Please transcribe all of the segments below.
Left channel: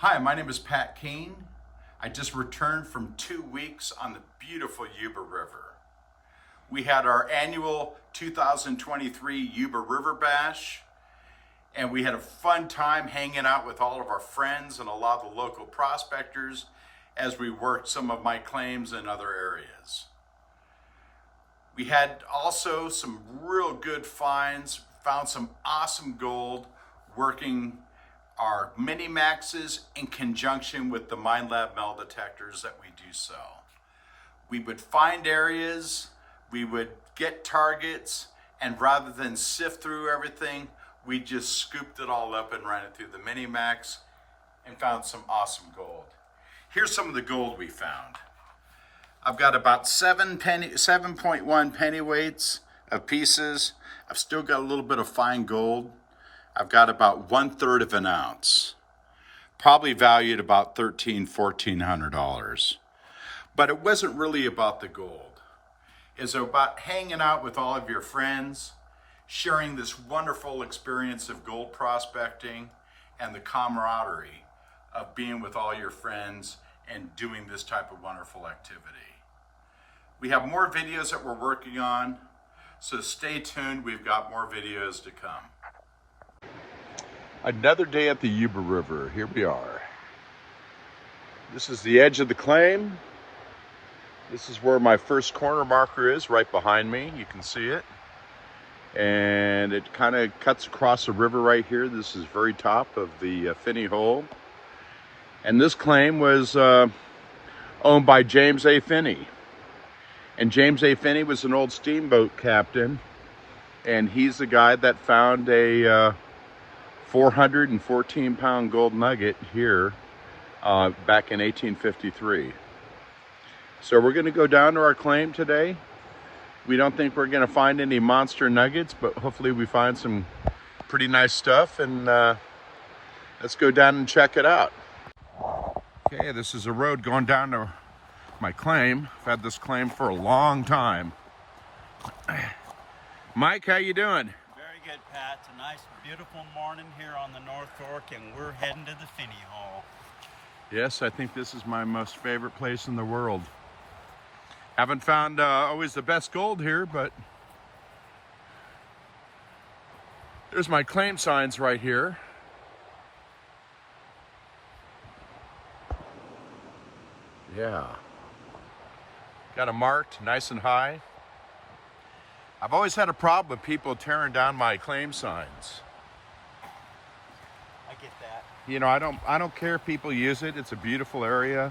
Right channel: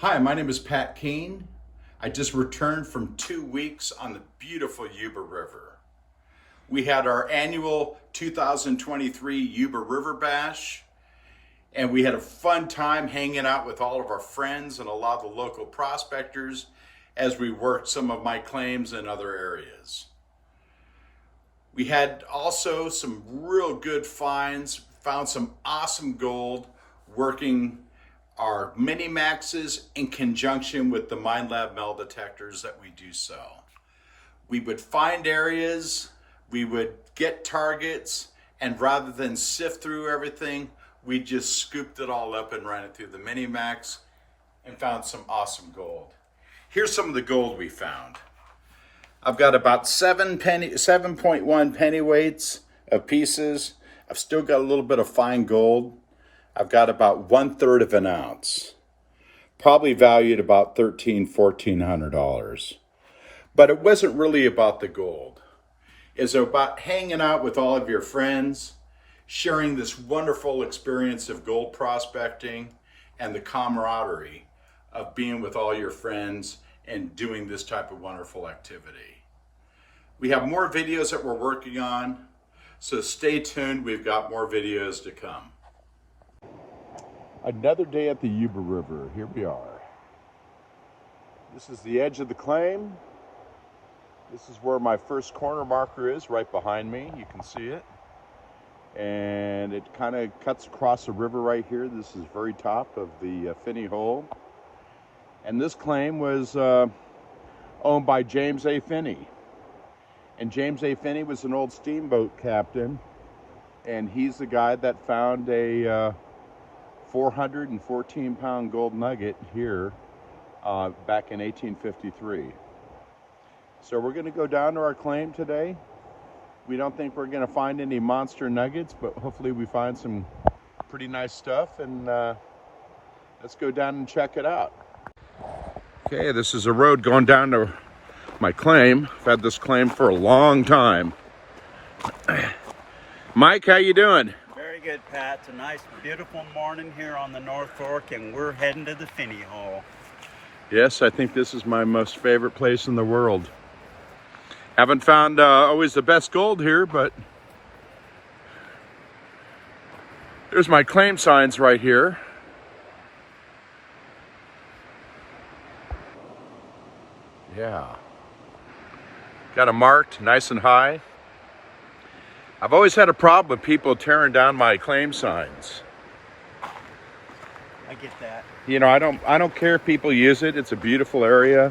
Hi, my name is Pat Keene. I just returned from 2 weeks on the beautiful Yuba River. We had our annual 2023 Yuba River Bash, and we had a fun time hanging out with all of our friends and a lot of the local prospectors as we worked some of my claims in other areas. We had also some real good finds, found some awesome gold working our mini maxes in conjunction with the Mine Lab metal detectors that we do sell. We would find areas, we would get targets, and rather than sift through everything, we just scooped it all up and ran it through the mini max and found some awesome gold. Here's some of the gold we found. I've got about 7.1 pennyweights of pieces. I've still got a little bit of fine gold. I've got about 1/3 of an ounce, probably valued about $1,400. But it wasn't really about the gold. It's about hanging out with all of your friends, sharing this wonderful experience of gold prospecting and the camaraderie of being with all your friends and doing this type of wonderful activity. We have more videos that we're working on, so stay tuned. We've got more videos to come. Another day at the Yuba River. Here we are. This is the edge of the claim. This is where my first corner marker is, right behind me. You can see it. And it kind of cuts across the river right here. This is very top of the Finney hole. And this claim was owned by James A. Finney. And James A. Finney was an old steamboat captain. And he's the guy that found a 414-pound gold nugget here back in 1853. So we're going to go down to our claim today. We don't think we're going to find any monster nuggets, but hopefully we find some pretty nice stuff, and let's go down and check it out. Okay, this is a road going down to my claim. I've had this claim for a long time. Mike, how you doing? Very good, Pat. It's a nice, beautiful morning here on the North Fork, and we're heading to the Finney hole. Yes, I think this is my most favorite place in the world. Haven't found always the best gold here, but there's my claim signs right here. Yeah. Got them marked nice and high. I've always had a problem with people tearing down my claim signs. I get that. You know, I don't care if people use it. It's a beautiful area,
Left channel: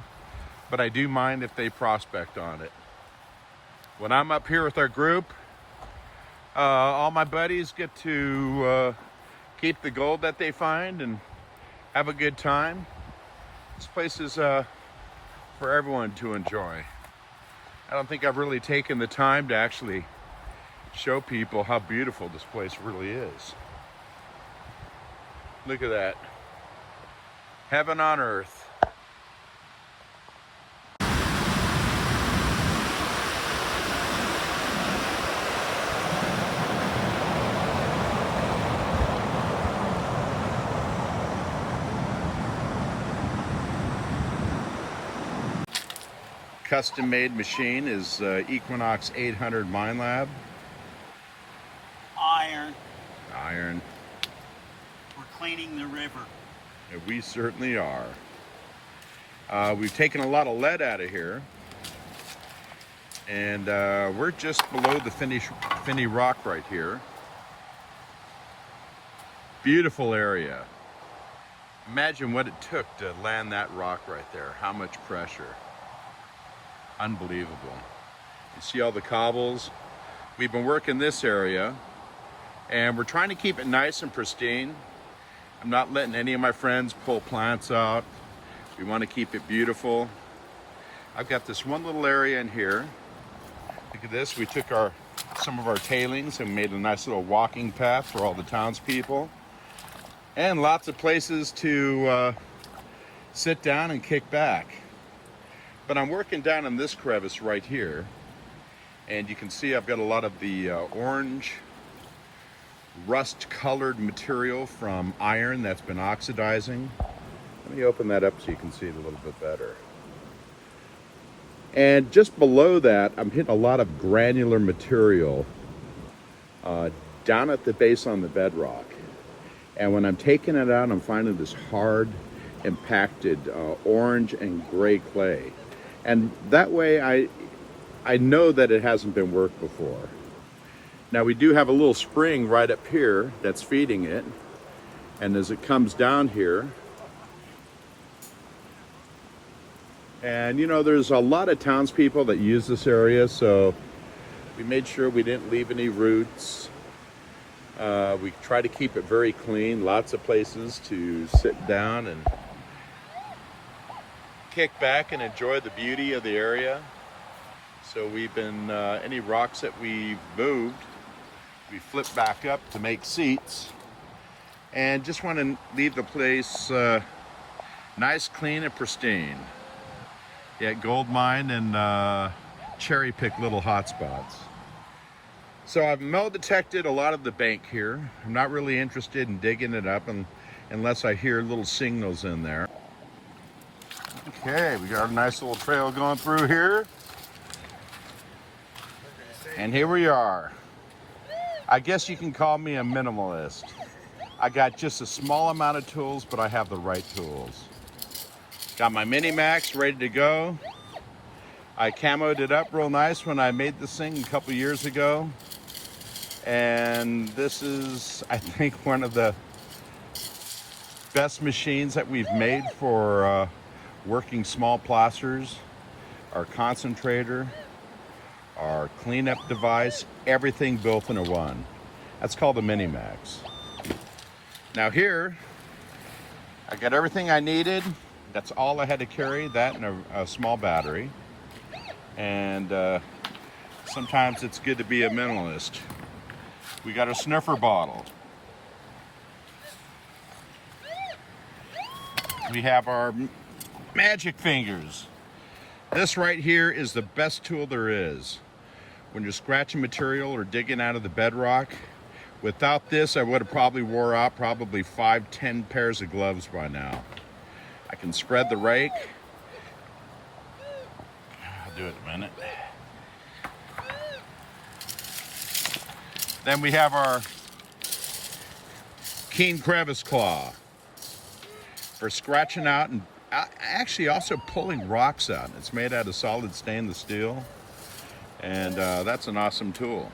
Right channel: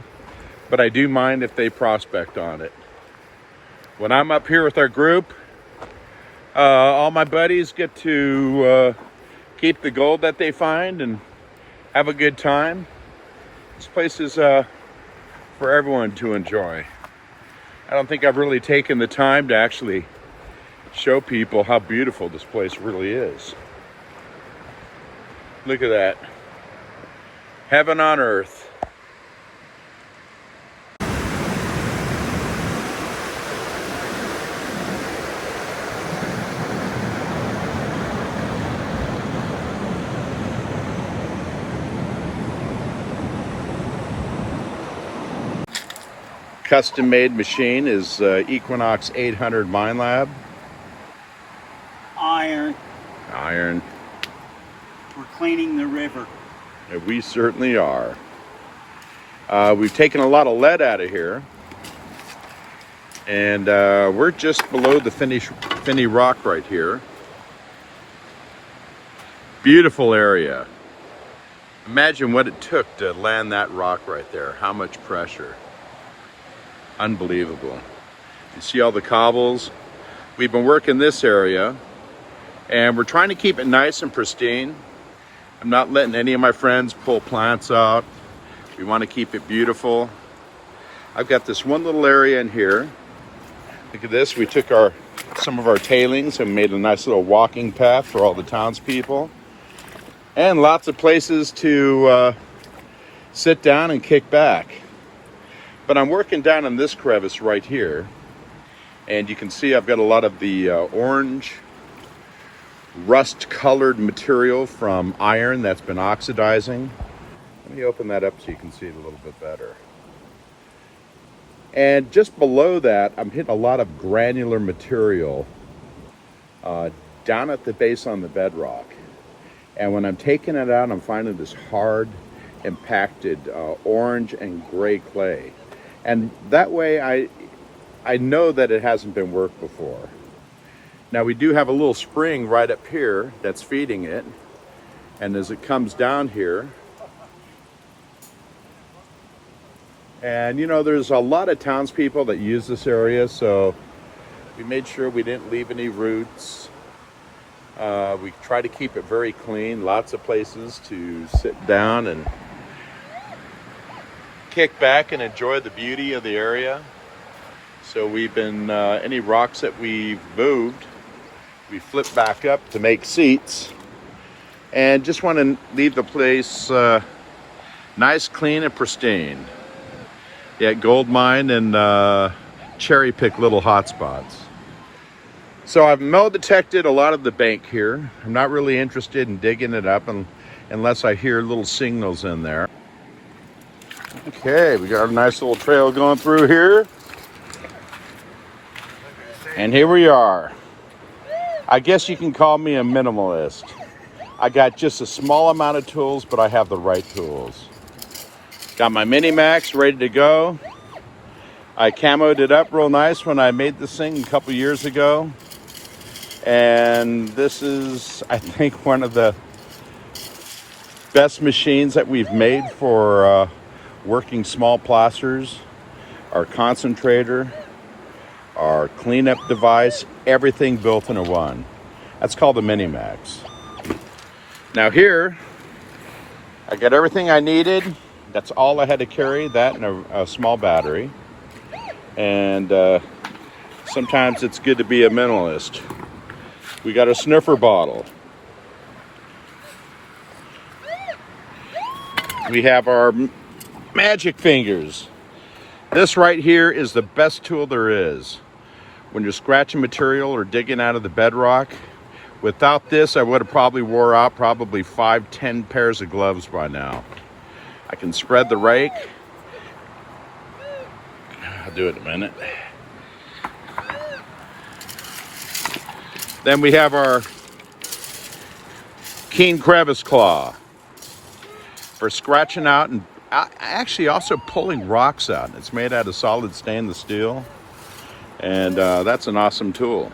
but I do mind if they prospect on it. When I'm up here with our group, all my buddies get to keep the gold that they find and have a good time. This place is for everyone to enjoy. I don't think I've really taken the time to actually show people how beautiful this place really is. Look at that. Heaven on earth. Custom made machine is Equinox 800 Mine Lab. Iron. We're cleaning the river. And we certainly are. We've taken a lot of lead out of here. And we're just below the Finney rock right here. Beautiful area. Imagine what it took to land that rock right there. How much pressure. Unbelievable. You see all the cobbles? We've been working this area, and we're trying to keep it nice and pristine. I'm not letting any of my friends pull plants out. We want to keep it beautiful. I've got this one little area in here. Look at this. We took some of our tailings and made a nice little walking path for all the townspeople. And lots of places to sit down and kick back. But I'm working down in this crevice right here, and you can see I've got a lot of the orange rust colored material from iron that's been oxidizing. Let me open that up so you can see it a little bit better. And just below that, I'm hitting a lot of granular material down at the base on the bedrock. And when I'm taking it out, I'm finding this hard, impacted orange and gray clay. And that way I know that it hasn't been worked before. Now we do have a little spring right up here that's feeding it. And as it comes down here, and you know, there's a lot of townspeople that use this area, so we made sure we didn't leave any roots. We try to keep it very clean, lots of places to sit down and kick back and enjoy the beauty of the area. So we've been, any rocks that we've moved, we flip back up to make seats. And just want to leave the place nice, clean, and pristine. Yeah, gold mine and cherry pick little hot spots. So I've metal detected a lot of the bank here. I'm not really interested in digging it up unless I hear little signals in there. Okay, we got a nice little trail going through here. And here we are. I guess you can call me a minimalist. I got just a small amount of tools, but I have the right tools. Got my Mini-Max ready to go. I camoed it up real nice when I made this thing a couple years ago. And this is, I think, one of the best machines that we've made for working small plasters. Our concentrator, our cleanup device, everything built into one. That's called a Mini-Max. Now here, I got everything I needed. That's all I had to carry, that and a small battery. And sometimes it's good to be a minimalist. We got a sniffer bottle. We have our magic fingers. This right here is the best tool there is. When you're scratching material or digging out of the bedrock, without this, I would have probably wore out 5-10 pairs of gloves by now. I can spread the rake. I'll do it in a minute. Then we have our Keene crevice claw for scratching out and actually also pulling rocks out. It's made out of solid stainless steel, and that's an awesome tool.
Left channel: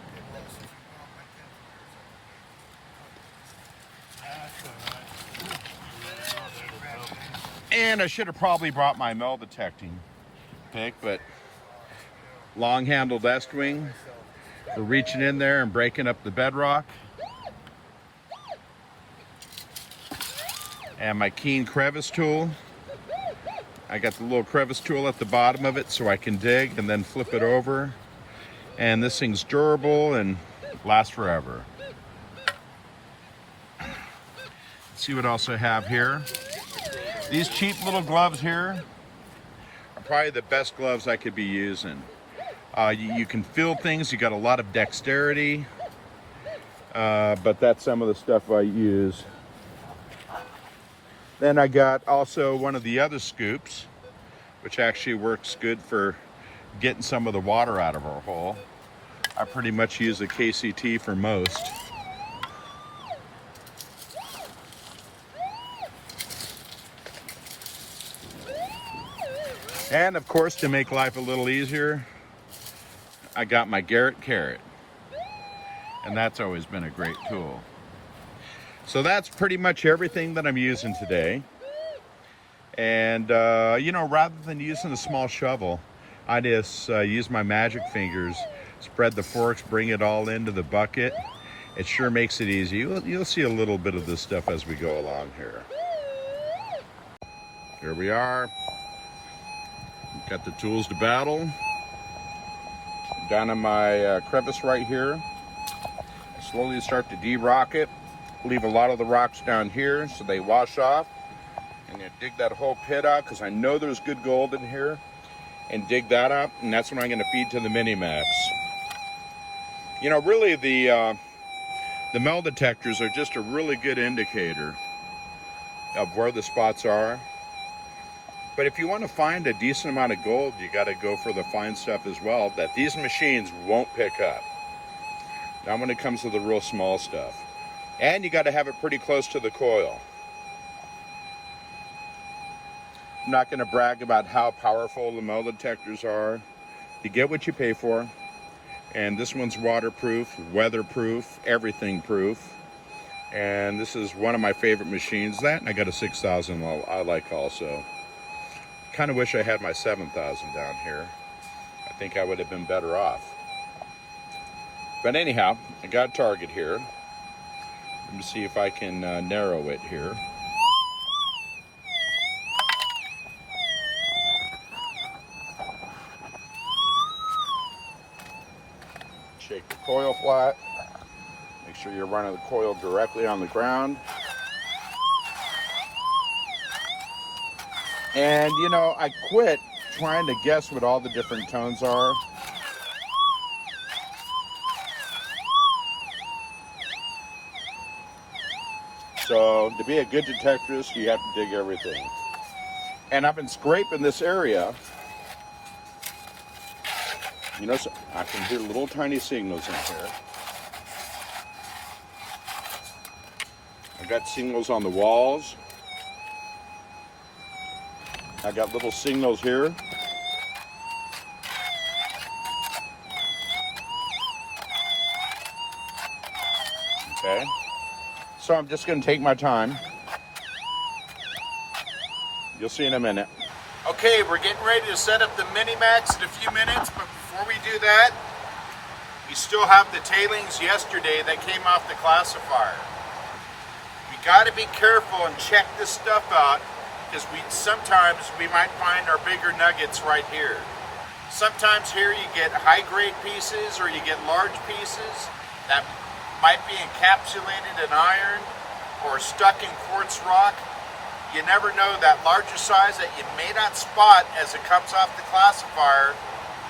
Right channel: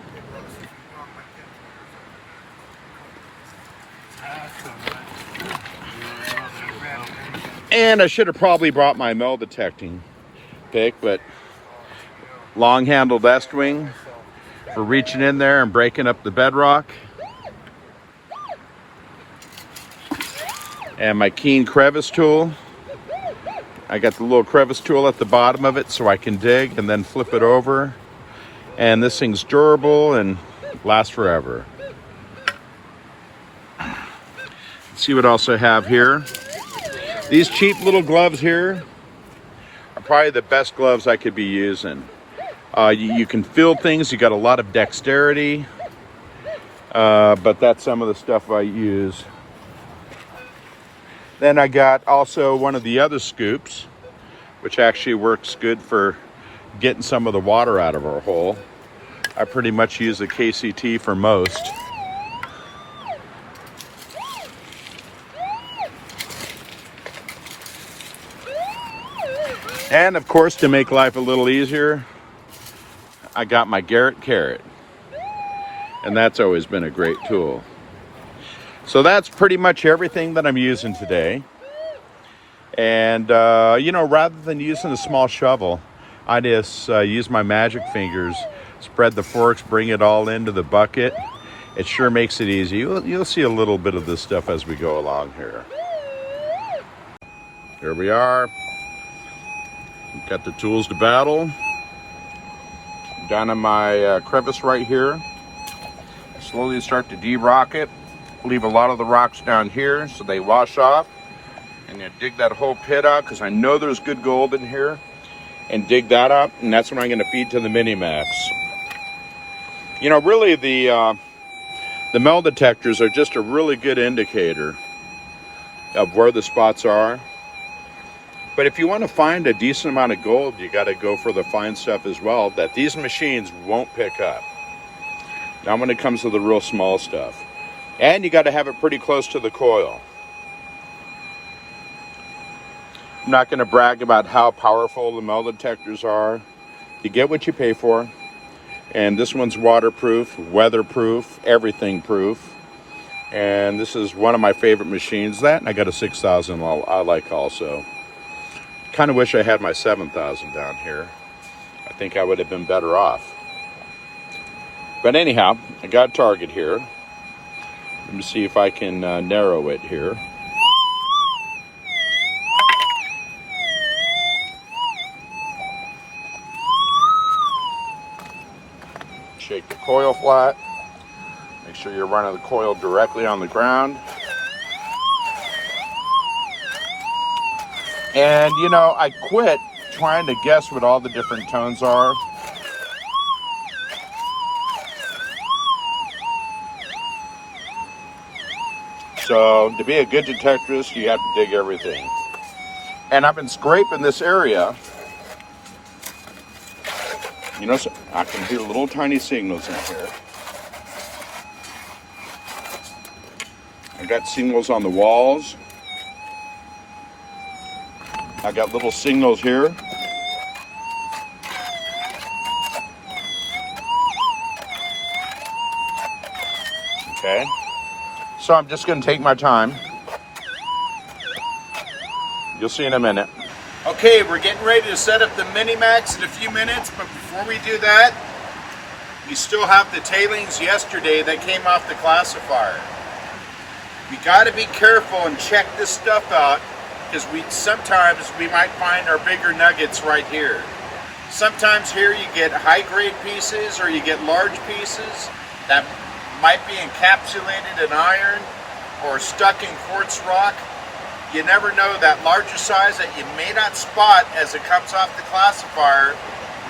And I should have probably brought my metal detecting pick, but long-handled Estwing for reaching in there and breaking up the bedrock. And my Keene crevice tool. I got the little crevice tool at the bottom of it so I can dig and then flip it over. And this thing's durable and lasts forever. Let's see what else I have here. These cheap little gloves here are probably the best gloves I could be using. You can feel things, you got a lot of dexterity, but that's some of the stuff I use. Then I got also one of the other scoops, which actually works good for getting some of the water out of our hole. I pretty much use the KCT for most. And of course, to make life a little easier, I got my Garrett carrot. And that's always been a great tool. So that's pretty much everything that I'm using today. And, you know, rather than using a small shovel, I just use my magic fingers, spread the forks, bring it all into the bucket. It sure makes it easy. You'll see a little bit of this stuff as we go along here. Here we are. Got the tools to battle. Down in my crevice right here. Slowly start to de-rock it. Leave a lot of the rocks down here so they wash off. And you dig that whole pit out because I know there's good gold in here. And dig that up, and that's what I'm going to feed to the Mini-Max. You know, really the metal detectors are just a really good indicator of where the spots are. But if you want to find a decent amount of gold, you got to go for the fine stuff as well that these machines won't pick up. Now when it comes to the real small stuff. And you got to have it pretty close to the coil. I'm not going to brag about how powerful the metal detectors are. You get what you pay for. And this one's waterproof, weatherproof, everything proof. And this is one of my favorite machines. That and I got a 6000 I like also. Kind of wish I had my 7000 down here. I think I would have been better off. But anyhow, I got a target here. Let me see if I can narrow it here. Shake the coil flat. Make sure you're running the coil directly on the ground. And you know, I quit trying to guess what all the different tones are. So to be a good detectorist, you have to dig everything. And I've been scraping this area. You know, so I can hear little tiny signals in here. I got signals on the walls. I got little signals here. Okay. So I'm just going to take my time. You'll see in a minute. Okay, we're getting ready to set up the Mini-Max in a few minutes, but before we do that, we still have the tailings yesterday that came off the classifier. We got to be careful and check this stuff out, because sometimes we might find our bigger nuggets right here. Sometimes here you get high-grade pieces or you get large pieces that might be encapsulated in iron or stuck in quartz rock. You never know, that larger size that you may not spot as it comes off the classifier,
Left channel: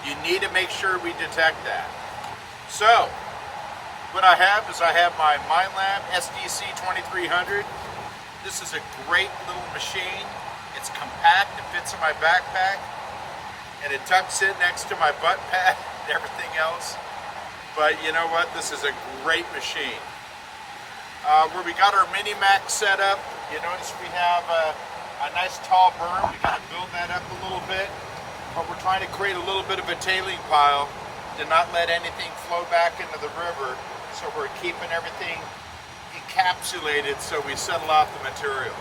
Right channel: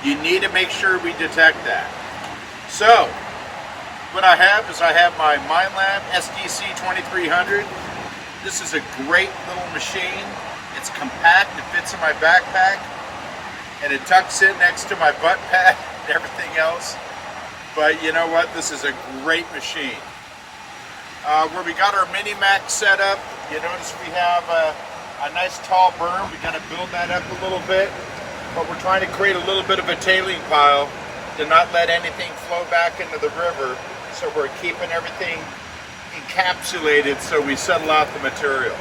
you need to make sure we detect that. So, what I have is I have my MineLab SDC 2300. This is a great little machine. It's compact, it fits in my backpack, and it tucks in next to my butt pad and everything else. But you know what, this is a great machine. Where we got our Mini-Max set up, you notice we have a nice tall berm. We got to build that up a little bit, but we're trying to create a little bit of a tailing pile to not let anything flow back into the river. So we're keeping everything encapsulated so we settle out the material.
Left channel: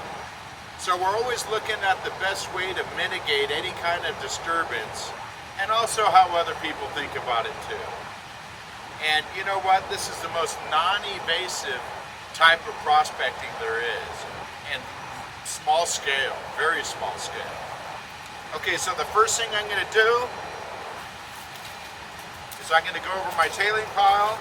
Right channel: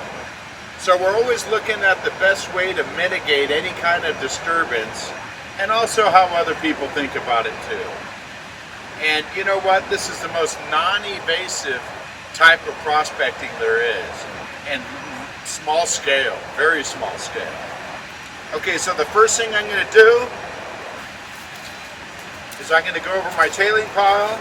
So we're always looking at the best way to mitigate any kind of disturbance, and also how other people think about it too. And you know what? This is the most non-invasive type of prospecting there is, and small scale, very small scale. Okay, so the first thing I'm going to do is I'm going to go over my tailing pile.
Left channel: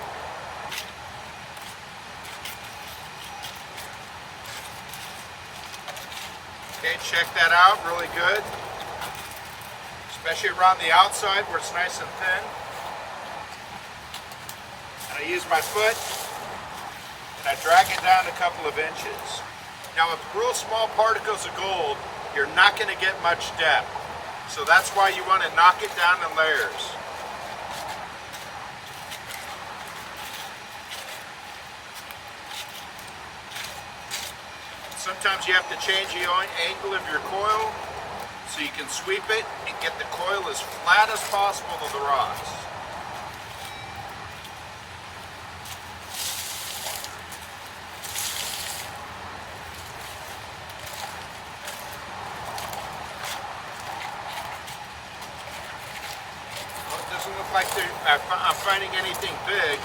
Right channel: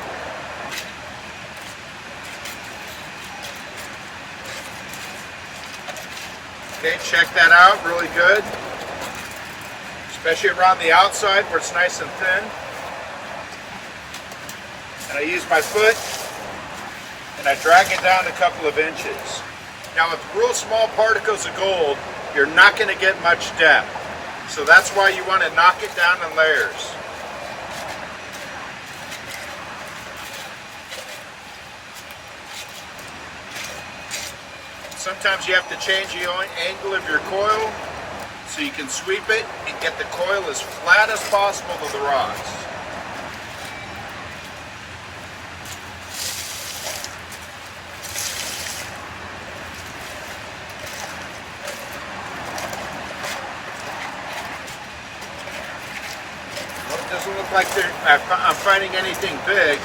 Okay, check that out, really good. Especially around the outside where it's nice and thin. And I use my foot and I drag it down a couple of inches. Now with real small particles of gold, you're not going to get much depth. So that's why you want to knock it down in layers. Sometimes you have to change the angle of your coil so you can sweep it and get the coil as flat as possible to the rocks. Well, it doesn't look like I'm finding anything big.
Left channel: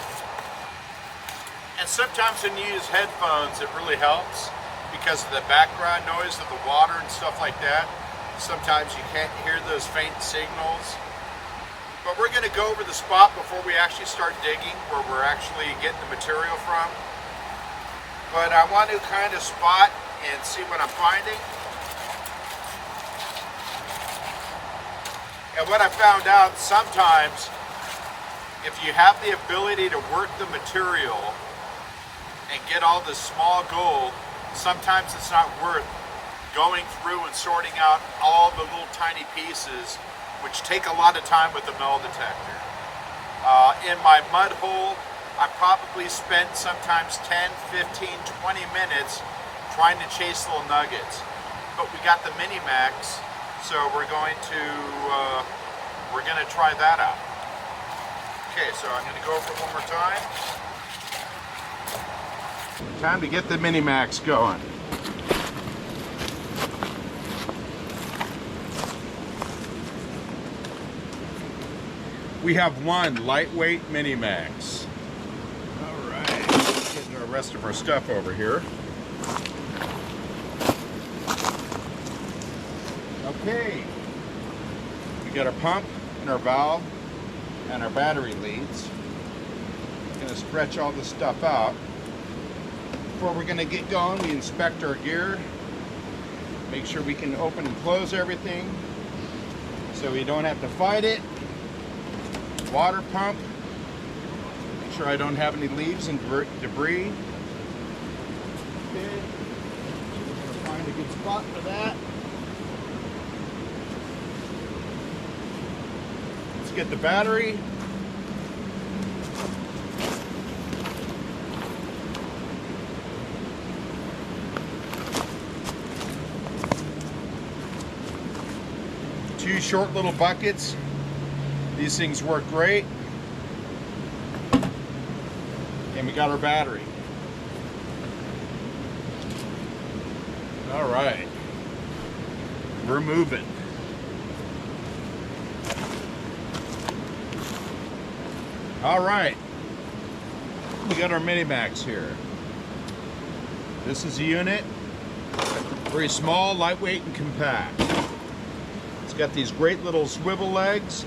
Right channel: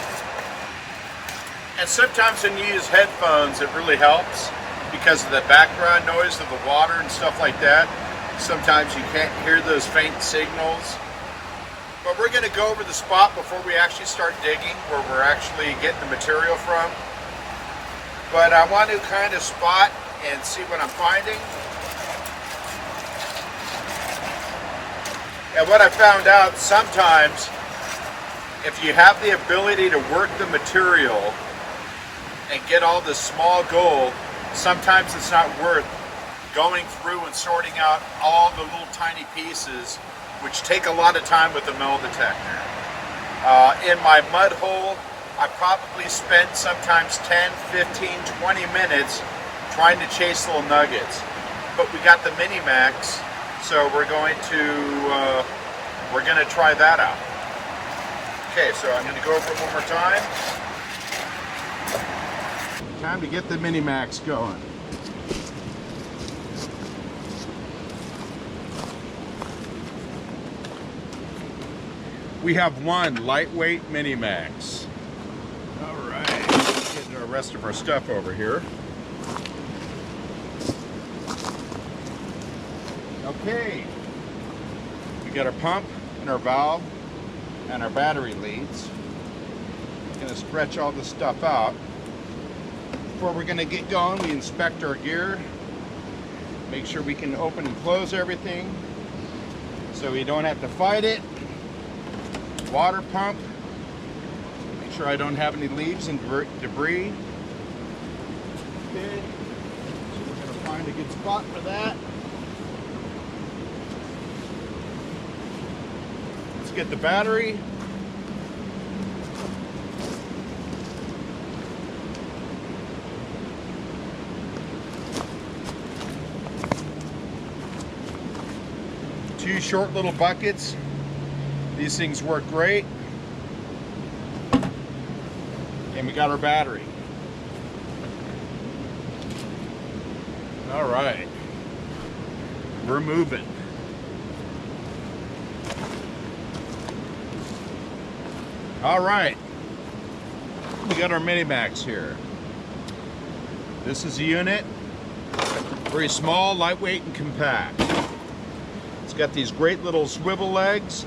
And sometimes when you use headphones, it really helps, because of the background noise of the water and stuff like that. Sometimes you can't hear those faint signals. But we're going to go over the spot before we actually start digging, where we're actually getting the material from. But I want to kind of spot and see what I'm finding. And what I found out, sometimes if you have the ability to work the material and get all the small gold, sometimes it's not worth going through and sorting out all the little tiny pieces, which take a lot of time with the metal detector. In my mud hole, I probably spent sometimes 10, 15, 20 minutes trying to chase little nuggets. But we got the Mini Max, so we're going to try that out. Okay, so I'm going to go over it one more time. Time to get the Mini Max going. We have one lightweight Mini Max. All right, let's get the rest of our stuff over here. Okay, we got our pump and our valve and our battery leads. We're going to stretch all this stuff out. Before we're going to get going, we inspect our gear, make sure we can open and close everything so we don't have to fight it. Water pump, make sure I don't have any leaves and debris. Okay, so we're going to find a good spot for that. Let's get the battery. Two short little buckets. These things work great. And we got our battery. All right. We're moving. All right. We got our Mini Max here. This is the unit. Very small, lightweight, and compact. It's got these great little swivel legs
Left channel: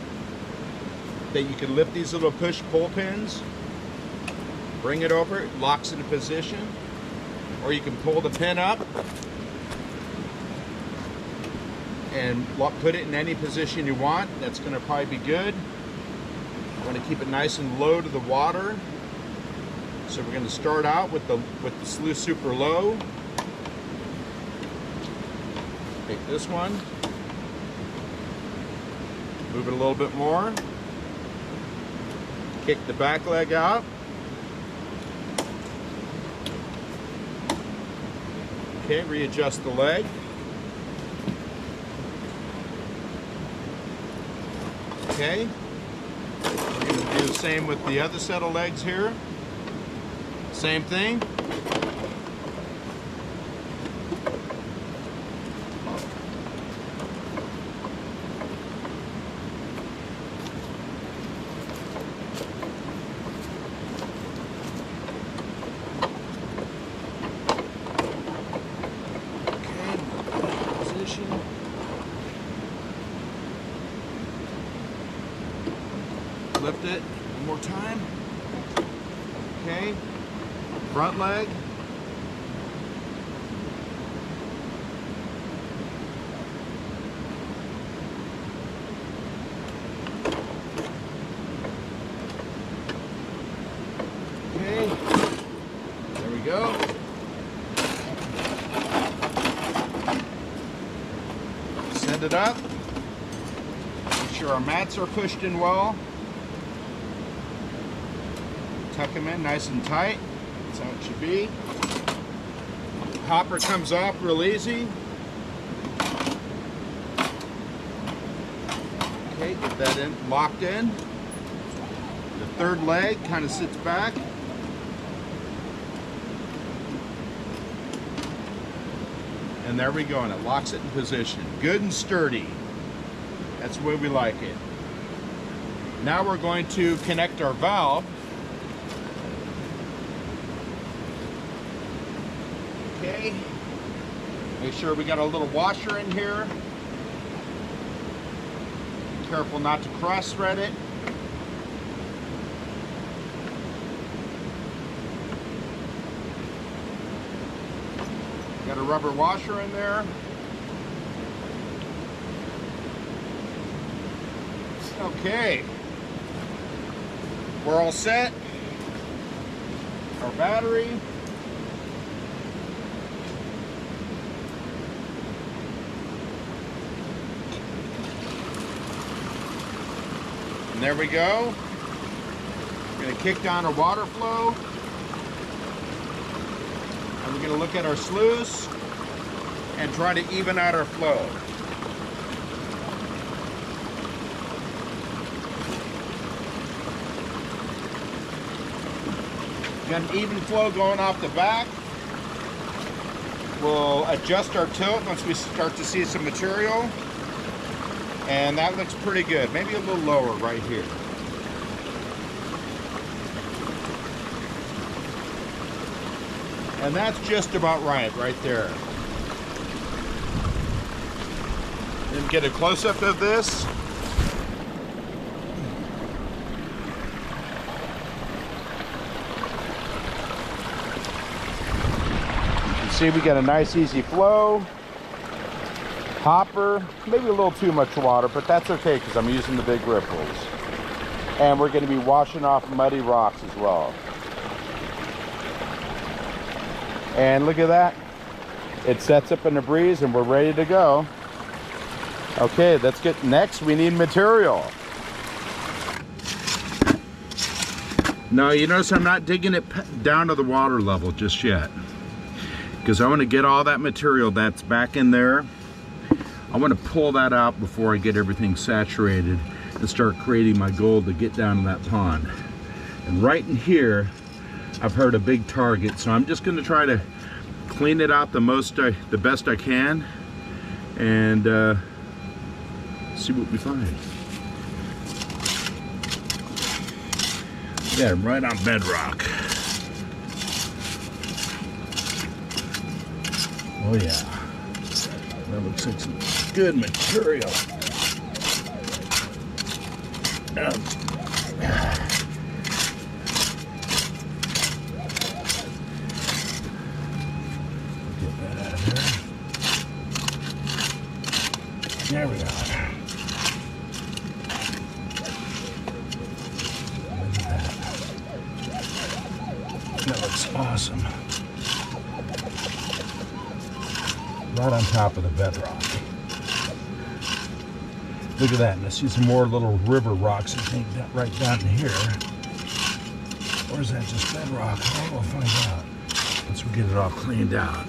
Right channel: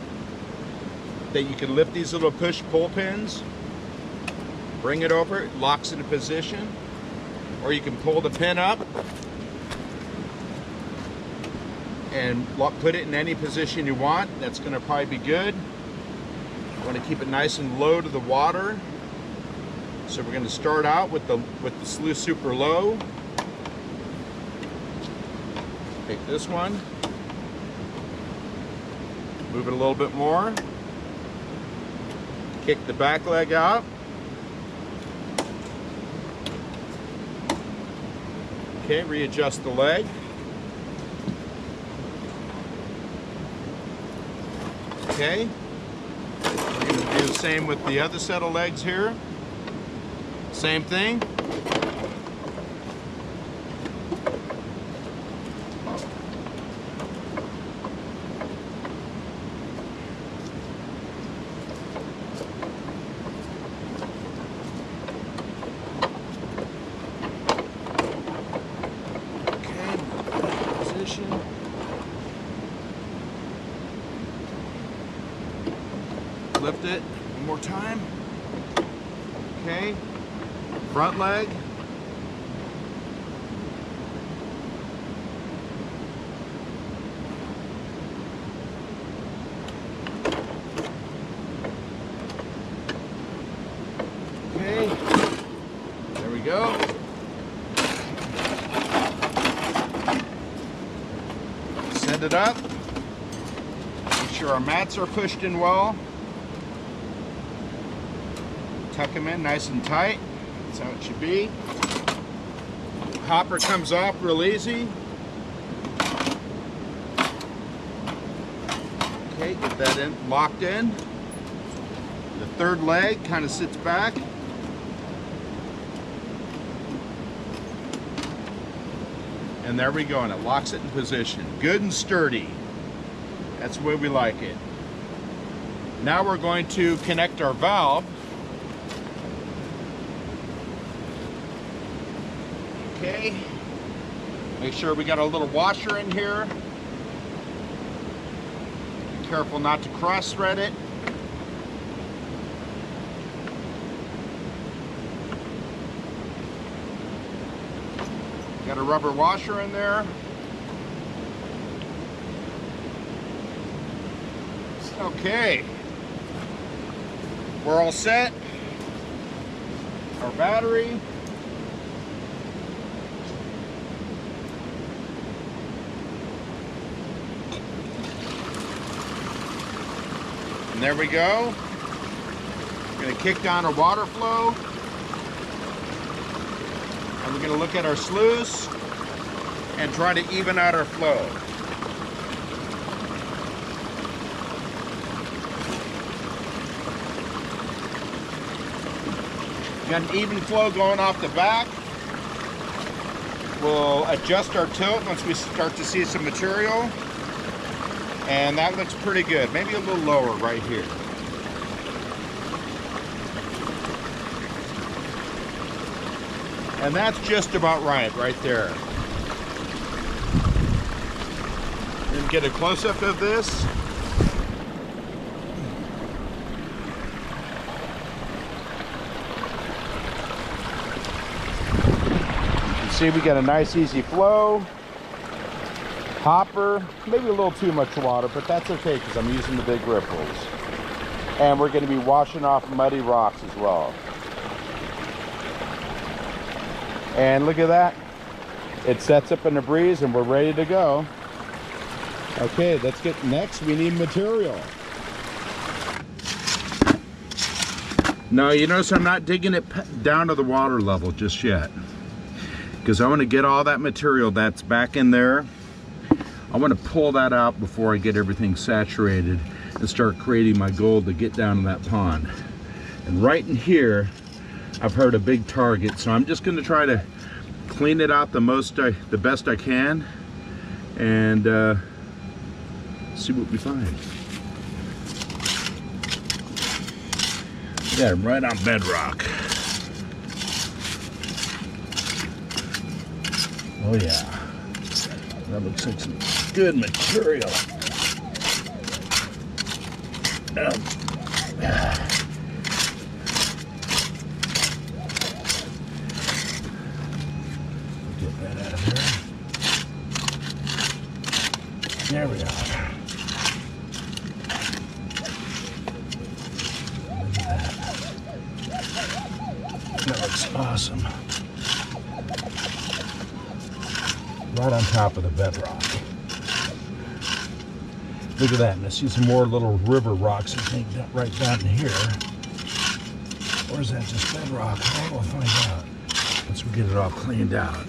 that you can lift these little push-pull pins, bring it over, it locks into position, or you can pull the pin up and put it in any position you want. That's going to probably be good. You want to keep it nice and low to the water. So we're going to start out with the Sluice super low. Take this one, move it a little bit more. Kick the back leg out. Okay, readjust the leg. Okay, we're going to do the same with the other set of legs here. Same thing. Lift it one more time. Okay, front leg. Okay, there we go. Send it up. Make sure our mats are pushed in well. Tuck them in nice and tight. That's how it should be. Hopper comes off real easy. Okay, get that in, locked in. The third leg kind of sits back. And there we go, and it locks it in position. Good and sturdy. That's the way we like it. Now we're going to connect our valve. Okay, make sure we got a little washer in here. Be careful not to cross thread it. Got a rubber washer in there. Okay, we're all set. Our battery. And there we go. We're going to kick down our water flow. And we're going to look at our sluice and try to even out our flow. Got an even flow going off the back. We'll adjust our tilt once we start to see some material. And that looks pretty good. Maybe a little lower right here. And that's just about right there. Then get a close-up of this. See, we got a nice easy flow, hopper, maybe a little too much water, but that's okay because I'm using the big ripples. And we're going to be washing off muddy rocks as well. And look at that. It sets up in the breeze and we're ready to go. Okay, let's get next. We need material. Now, you notice I'm not digging it down to the water level just yet, because I want to get all that material that's back in there. I want to pull that out before I get everything saturated and start creating my gold to get down to that pond. And right in here, I've heard a big target, so I'm just going to try to clean it out the best I can, and see what we find. Yeah, right on bedrock. Oh yeah, that looks like some good material. Get that out of there. There we go. Look at that. That looks awesome. Right on top of the bedrock. Look at that, and I see some more little river rocks, I think, right down here. Or is that just bedrock? Oh, we'll find out once we get it all cleaned out.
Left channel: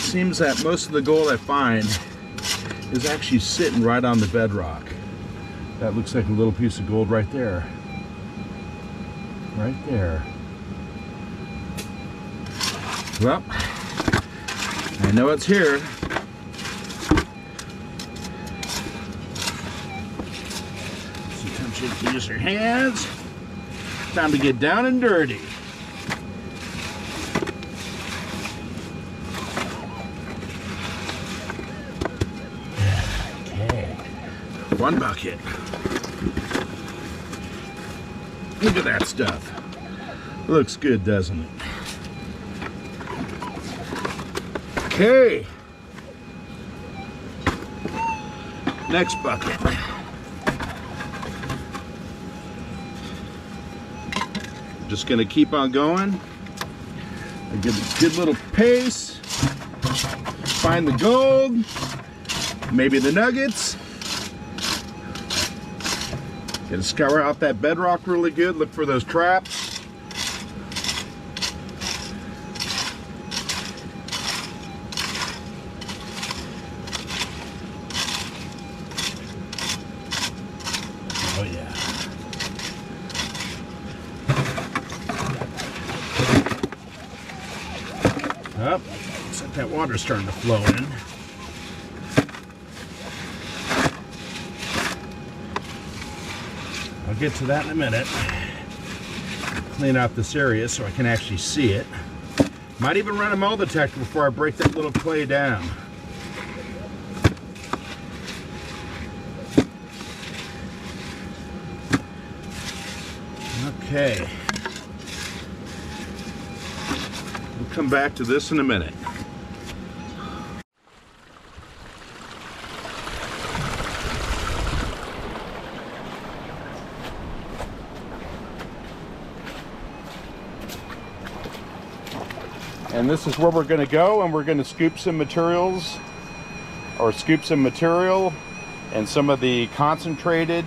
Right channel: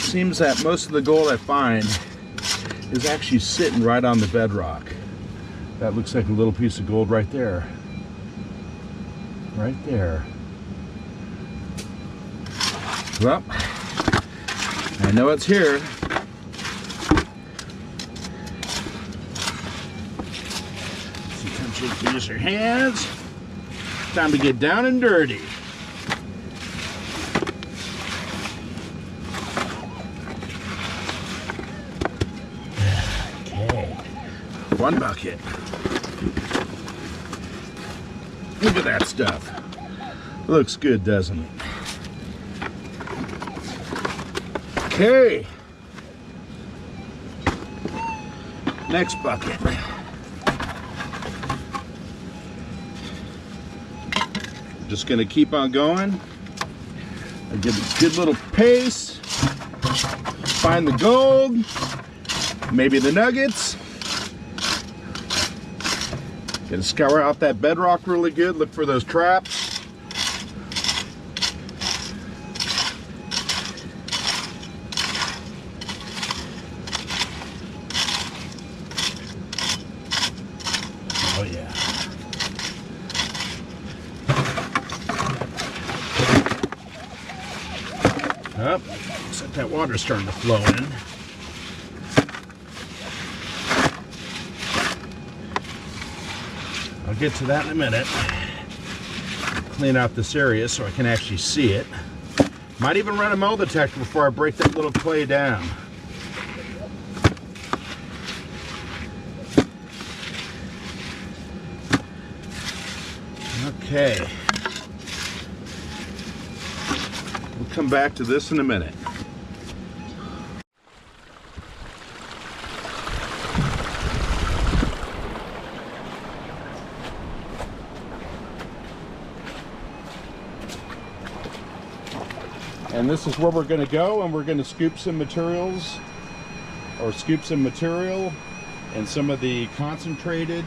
Seems that most of the gold I find is actually sitting right on the bedrock. That looks like a little piece of gold right there. Right there. Well, I know it's here. Sometimes you have to use your hands. Time to get down and dirty. Okay. One bucket. Look at that stuff. Looks good, doesn't it? Okay. Next bucket. Just gonna keep on going. I get a good little pace. Find the gold. Maybe the nuggets. Gonna scour out that bedrock really good. Look for those traps. Oh yeah. Oh, looks like that water's starting to flow in. I'll get to that in a minute. Clean out this area so I can actually see it. Might even run a metal detector before I break that little clay down. Okay. We'll come back to this in a minute. And this is where we're going to go, and we're going to scoop some materials, or scoop some material and some of the concentrated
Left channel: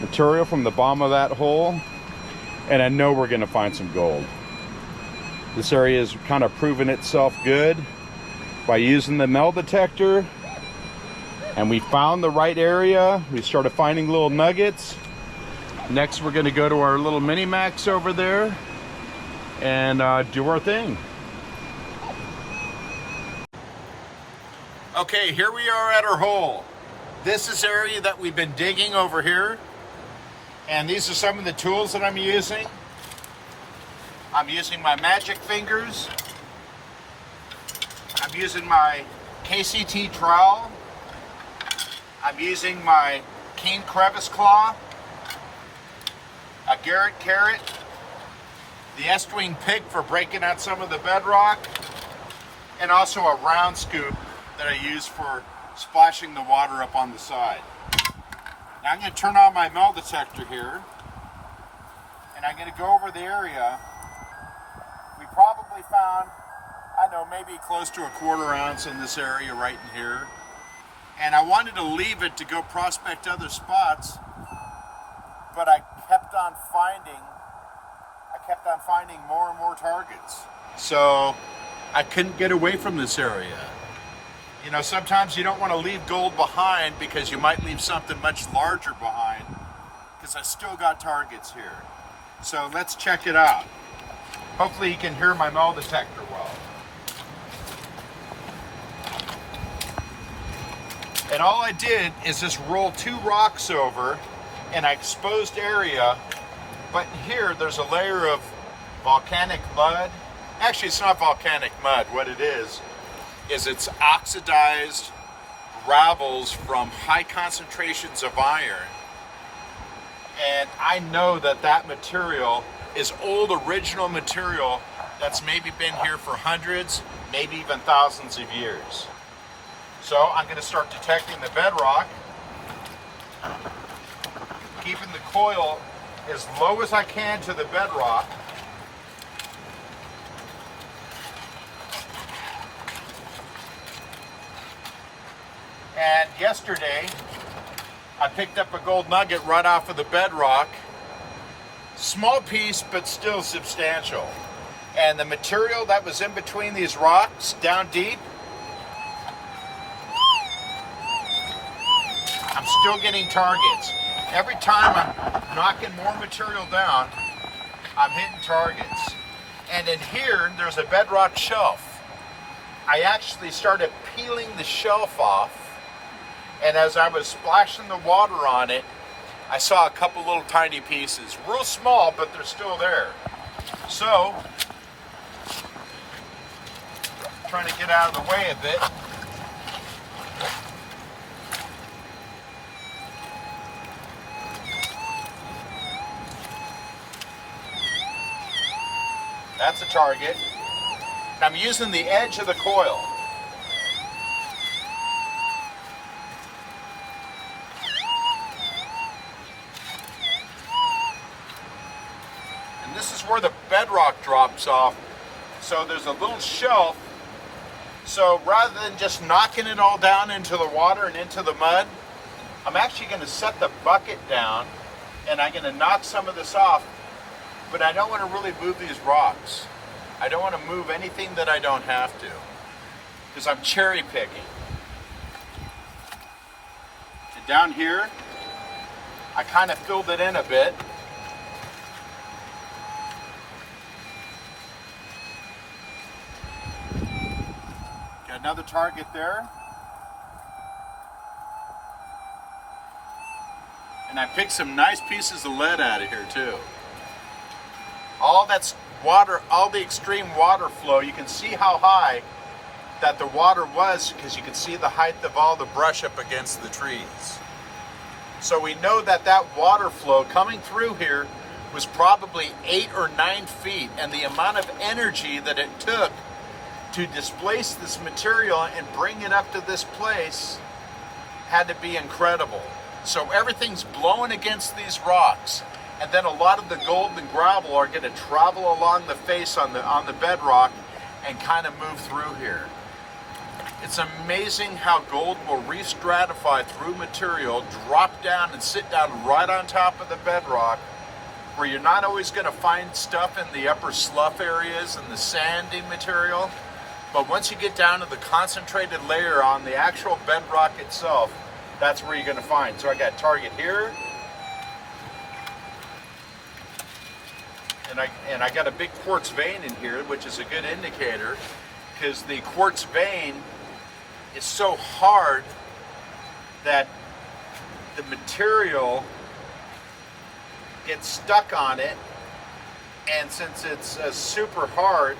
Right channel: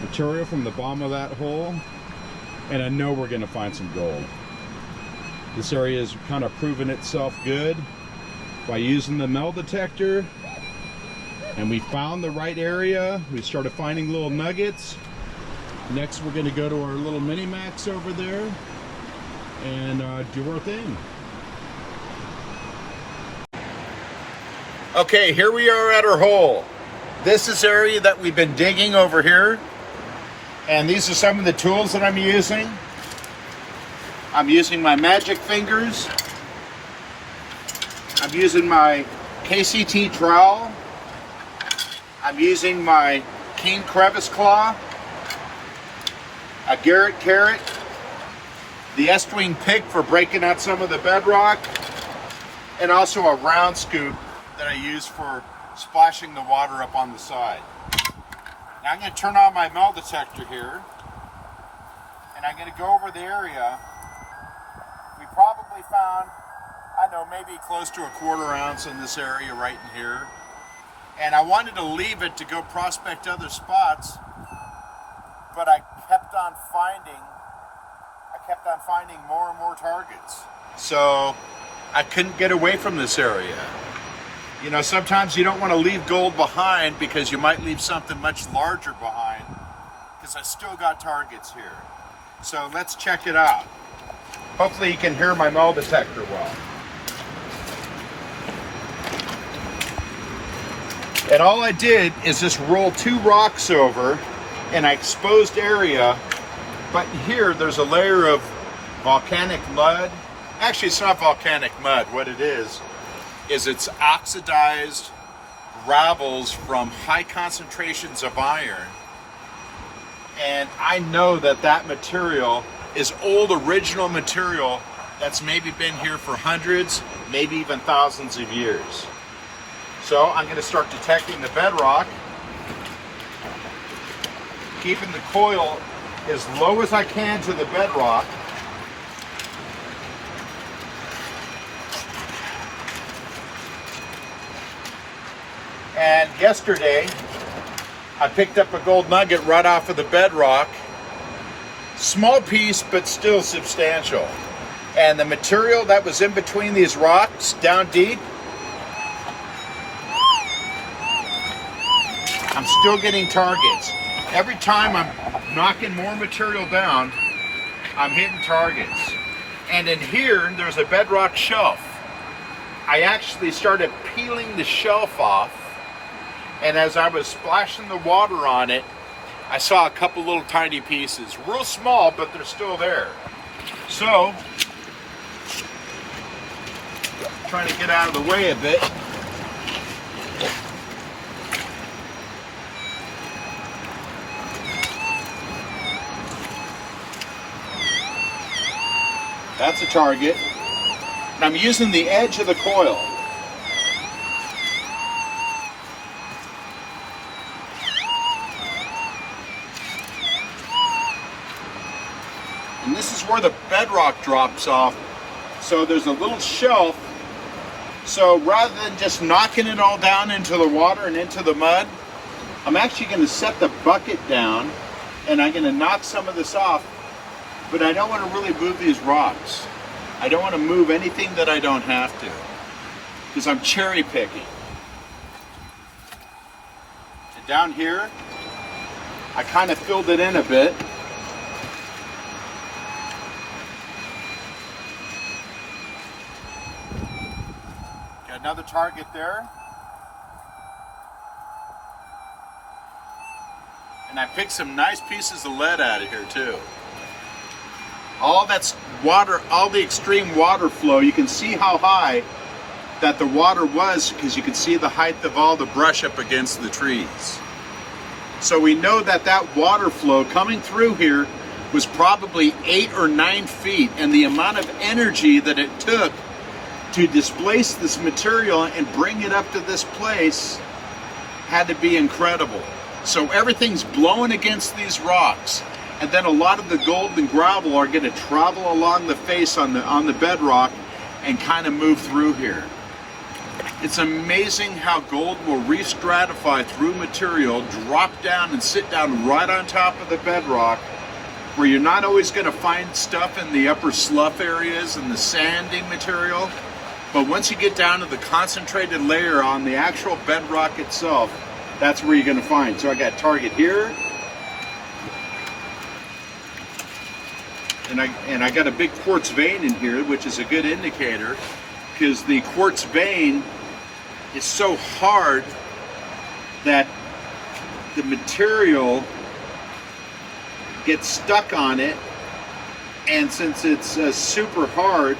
material from the bottom of that hole. And I know we're going to find some gold. This area has kind of proven itself good by using the metal detector, and we found the right area. We started finding little nuggets. Next, we're going to go to our little mini max over there and do our thing. Okay, here we are at our hole. This is the area that we've been digging over here, and these are some of the tools that I'm using. I'm using my magic fingers. I'm using my KCT trowel. I'm using my Keene crevice claw, a Garrett carrot, the S-wing pick for breaking out some of the bedrock, and also a round scoop that I use for splashing the water up on the side. Now I'm going to turn on my metal detector here, and I'm going to go over the area. We probably found, I don't know, maybe close to a 1/4 ounce in this area right in here. And I wanted to leave it to go prospect other spots, but I kept on finding more and more targets. So I couldn't get away from this area. You know, sometimes you don't want to leave gold behind because you might leave something much larger behind, because I still got targets here. So let's check it out. Hopefully you can hear my metal detector well. And all I did is just roll 2 rocks over in an exposed area, but here there's a layer of volcanic mud. Actually, it's not volcanic mud. What it is it's oxidized gravels from high concentrations of iron. And I know that that material is old original material that's maybe been here for hundreds, maybe even thousands of years. So I'm going to start detecting the bedrock, keeping the coil as low as I can to the bedrock. And yesterday, I picked up a gold nugget right off of the bedrock. Small piece, but still substantial. And the material that was in between these rocks, down deep, I'm still getting targets. Every time I'm knocking more material down, I'm hitting targets. And in here, there's a bedrock shelf. I actually started peeling the shelf off, and as I was splashing the water on it, I saw a couple little tiny pieces. Real small, but they're still there. So, trying to get out of the way a bit. That's a target. And I'm using the edge of the coil. And this is where the bedrock drops off. So there's a little shelf. So rather than just knocking it all down into the water and into the mud, I'm actually going to set the bucket down and I'm going to knock some of this off. But I don't want to really move these rocks. I don't want to move anything that I don't have to, because I'm cherry picking. So down here, I kind of filled it in a bit. Got another target there. And I picked some nice pieces of lead out of here too. All that's water, all the extreme water flow, you can see how high that the water was, because you can see the height of all the brush up against the trees. So we know that that water flow coming through here was probably 8 or 9 feet, and the amount of energy that it took to displace this material and bring it up to this place had to be incredible. So everything's blowing against these rocks. And then a lot of the gold and gravel are going to travel along the face on the bedrock and kind of move through here. It's amazing how gold will re-stratify through material, drop down and sit down right on top of the bedrock, where you're not always going to find stuff in the upper slough areas and the sandy material. But once you get down to the concentrated layer on the actual bedrock itself, that's where you're going to find. So I got target here, and I got a big quartz vein in here, which is a good indicator, because the quartz vein is so hard that the material gets stuck on it, and since it's super hard,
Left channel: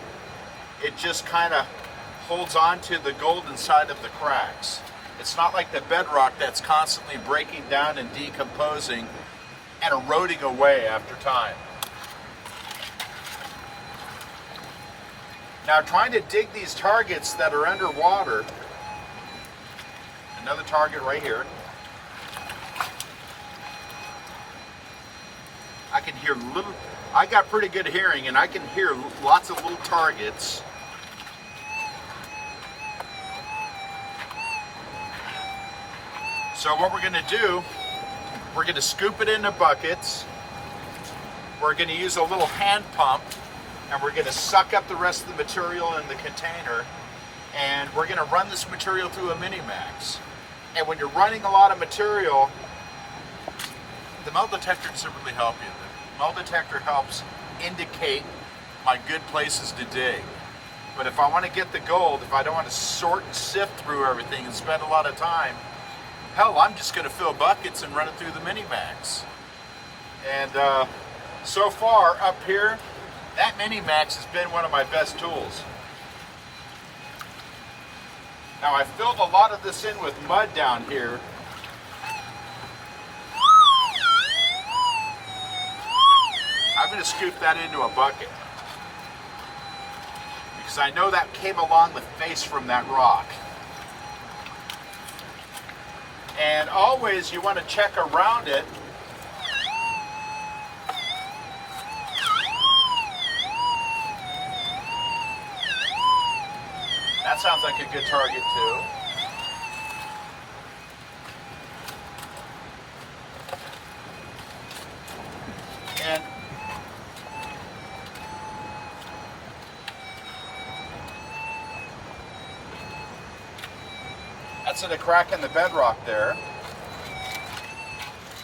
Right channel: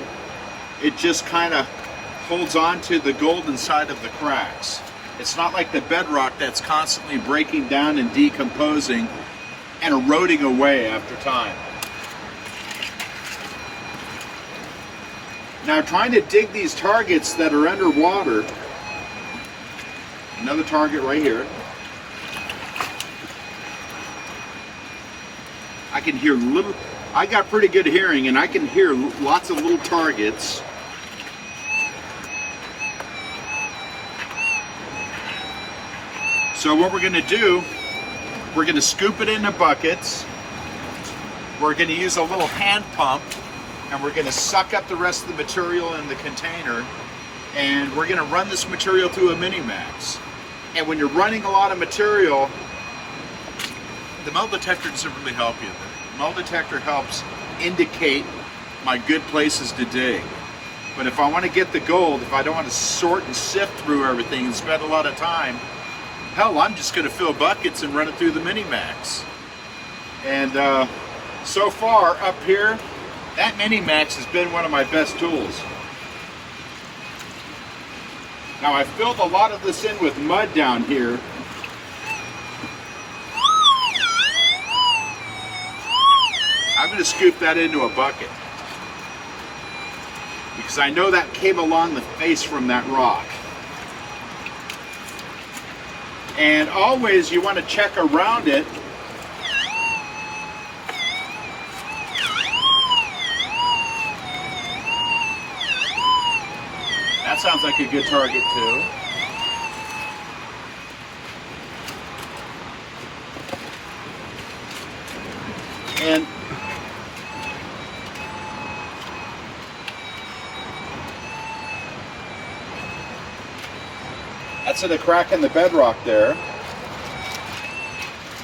it just kind of holds on to the golden side of the cracks. It's not like the bedrock that's constantly breaking down and decomposing and eroding away after time. Now, trying to dig these targets that are underwater, another target right here, I can hear little, I got pretty good hearing, and I can hear lots of little targets. So what we're going to do, we're going to scoop it into buckets. We're going to use a little hand pump, and we're going to suck up the rest of the material in the container, and we're going to run this material through a Mini-Max. And when you're running a lot of material, the metal detector doesn't really help you. The metal detector helps indicate my good places to dig. But if I want to get the gold, if I don't want to sort and sift through everything and spend a lot of time, hell, I'm just going to fill buckets and run it through the Mini-Max. And so far up here, that Mini-Max has been one of my best tools. Now, I filled a lot of this in with mud down here. I'm going to scoop that into a bucket, because I know that came along the face from that rock. And always you want to check around it. That sounds like a good target too. And that's in a crack in the bedrock there.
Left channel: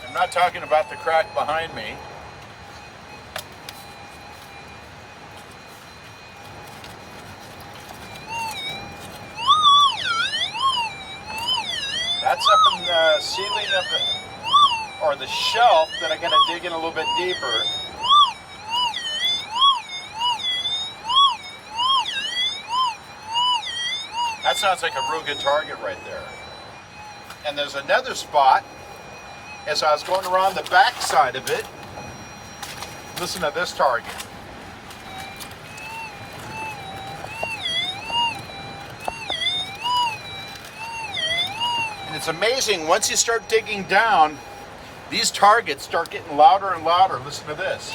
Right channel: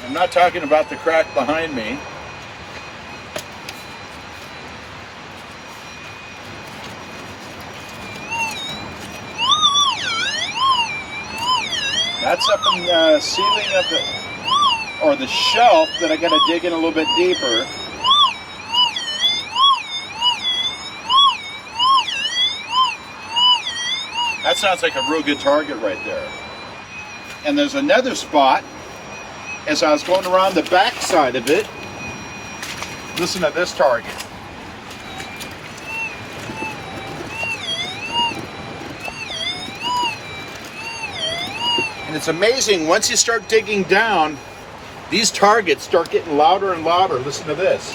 I'm not talking about the crack behind me. That's up in the ceiling of the shelf that I got to dig in a little bit deeper. That sounds like a real good target right there. And there's another spot, as I was going around the back side of it. Listen to this target. And it's amazing, once you start digging down, these targets start getting louder and louder. Listen to this.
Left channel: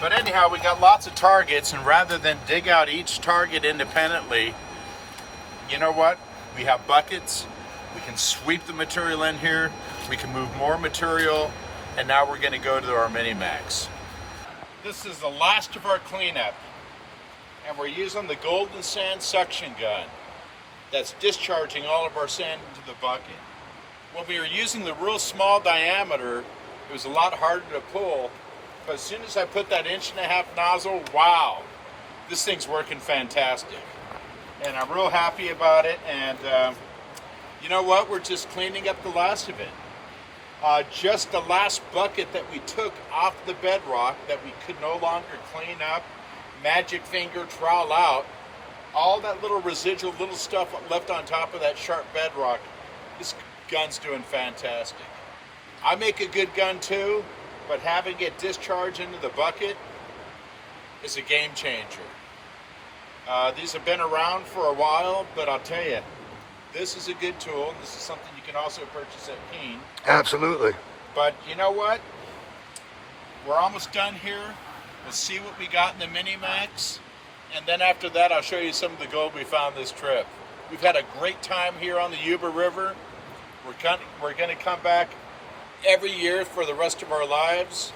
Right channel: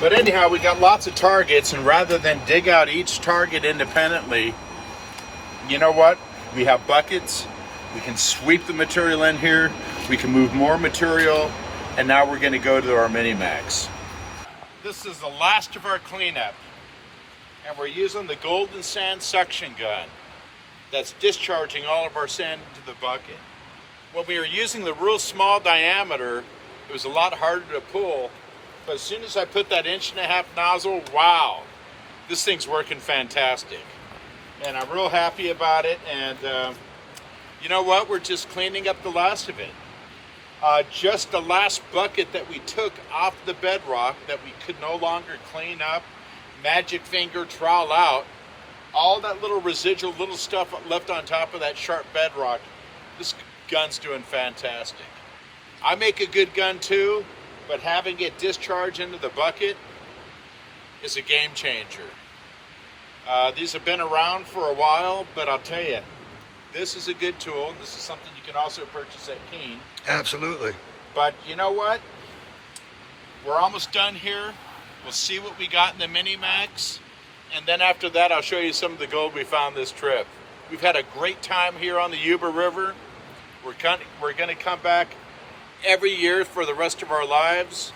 But anyhow, we got lots of targets, and rather than dig out each target independently, you know what? We have buckets. We can sweep the material in here. We can move more material, and now we're going to go to our Mini-Max. This is the last of our cleanup, and we're using the golden sand suction gun that's discharging all of our sand into the bucket. When we were using the real small diameter, it was a lot harder to pull. But as soon as I put that 1.5-inch nozzle, wow, this thing's working fantastic. And I'm real happy about it. And you know what? We're just cleaning up the last of it. Just the last bucket that we took off the bedrock that we could no longer clean up, magic finger trowel out, all that little residual, little stuff left on top of that sharp bedrock, this gun's doing fantastic. I make a good gun too, but having it discharge into the bucket is a game changer. These have been around for a while, but I'll tell you, this is a good tool. This is something you can also purchase at Keene. Absolutely. But you know what? We're almost done here. We'll see what we got in the Mini-Max. And then after that, I'll show you some of the gold we found this trip. We've had a great time here on the Yuba River. We're going to come back every year for the rest of our lives.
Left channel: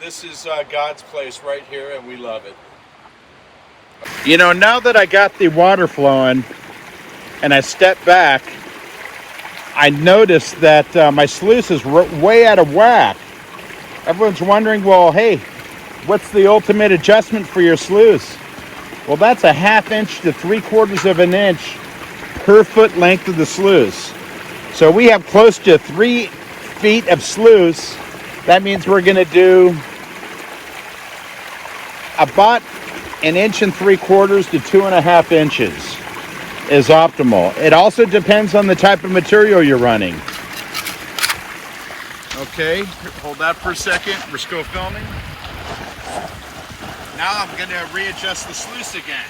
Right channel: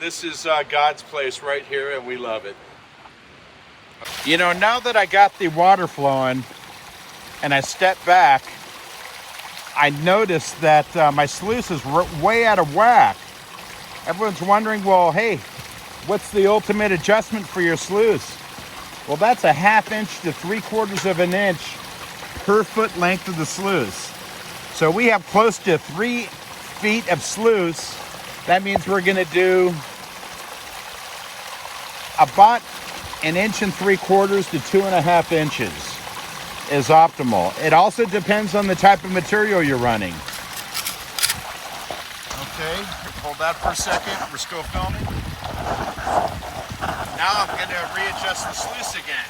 This is God's place right here, and we love it. You know, now that I got the water flowing and I stepped back, I noticed that my sluice is way out of whack. Everyone's wondering, well, hey, what's the ultimate adjustment for your sluice? Well, that's a 1/2 inch to 3/4 of an inch per foot length of the sluice. So we have close to 3 feet of sluice. That means we're going to do about 1 3/4 to 2.5 inches is optimal. It also depends on the type of material you're running. Okay, hold that for a second. We're still filming. Now I'm going to readjust the sluice again.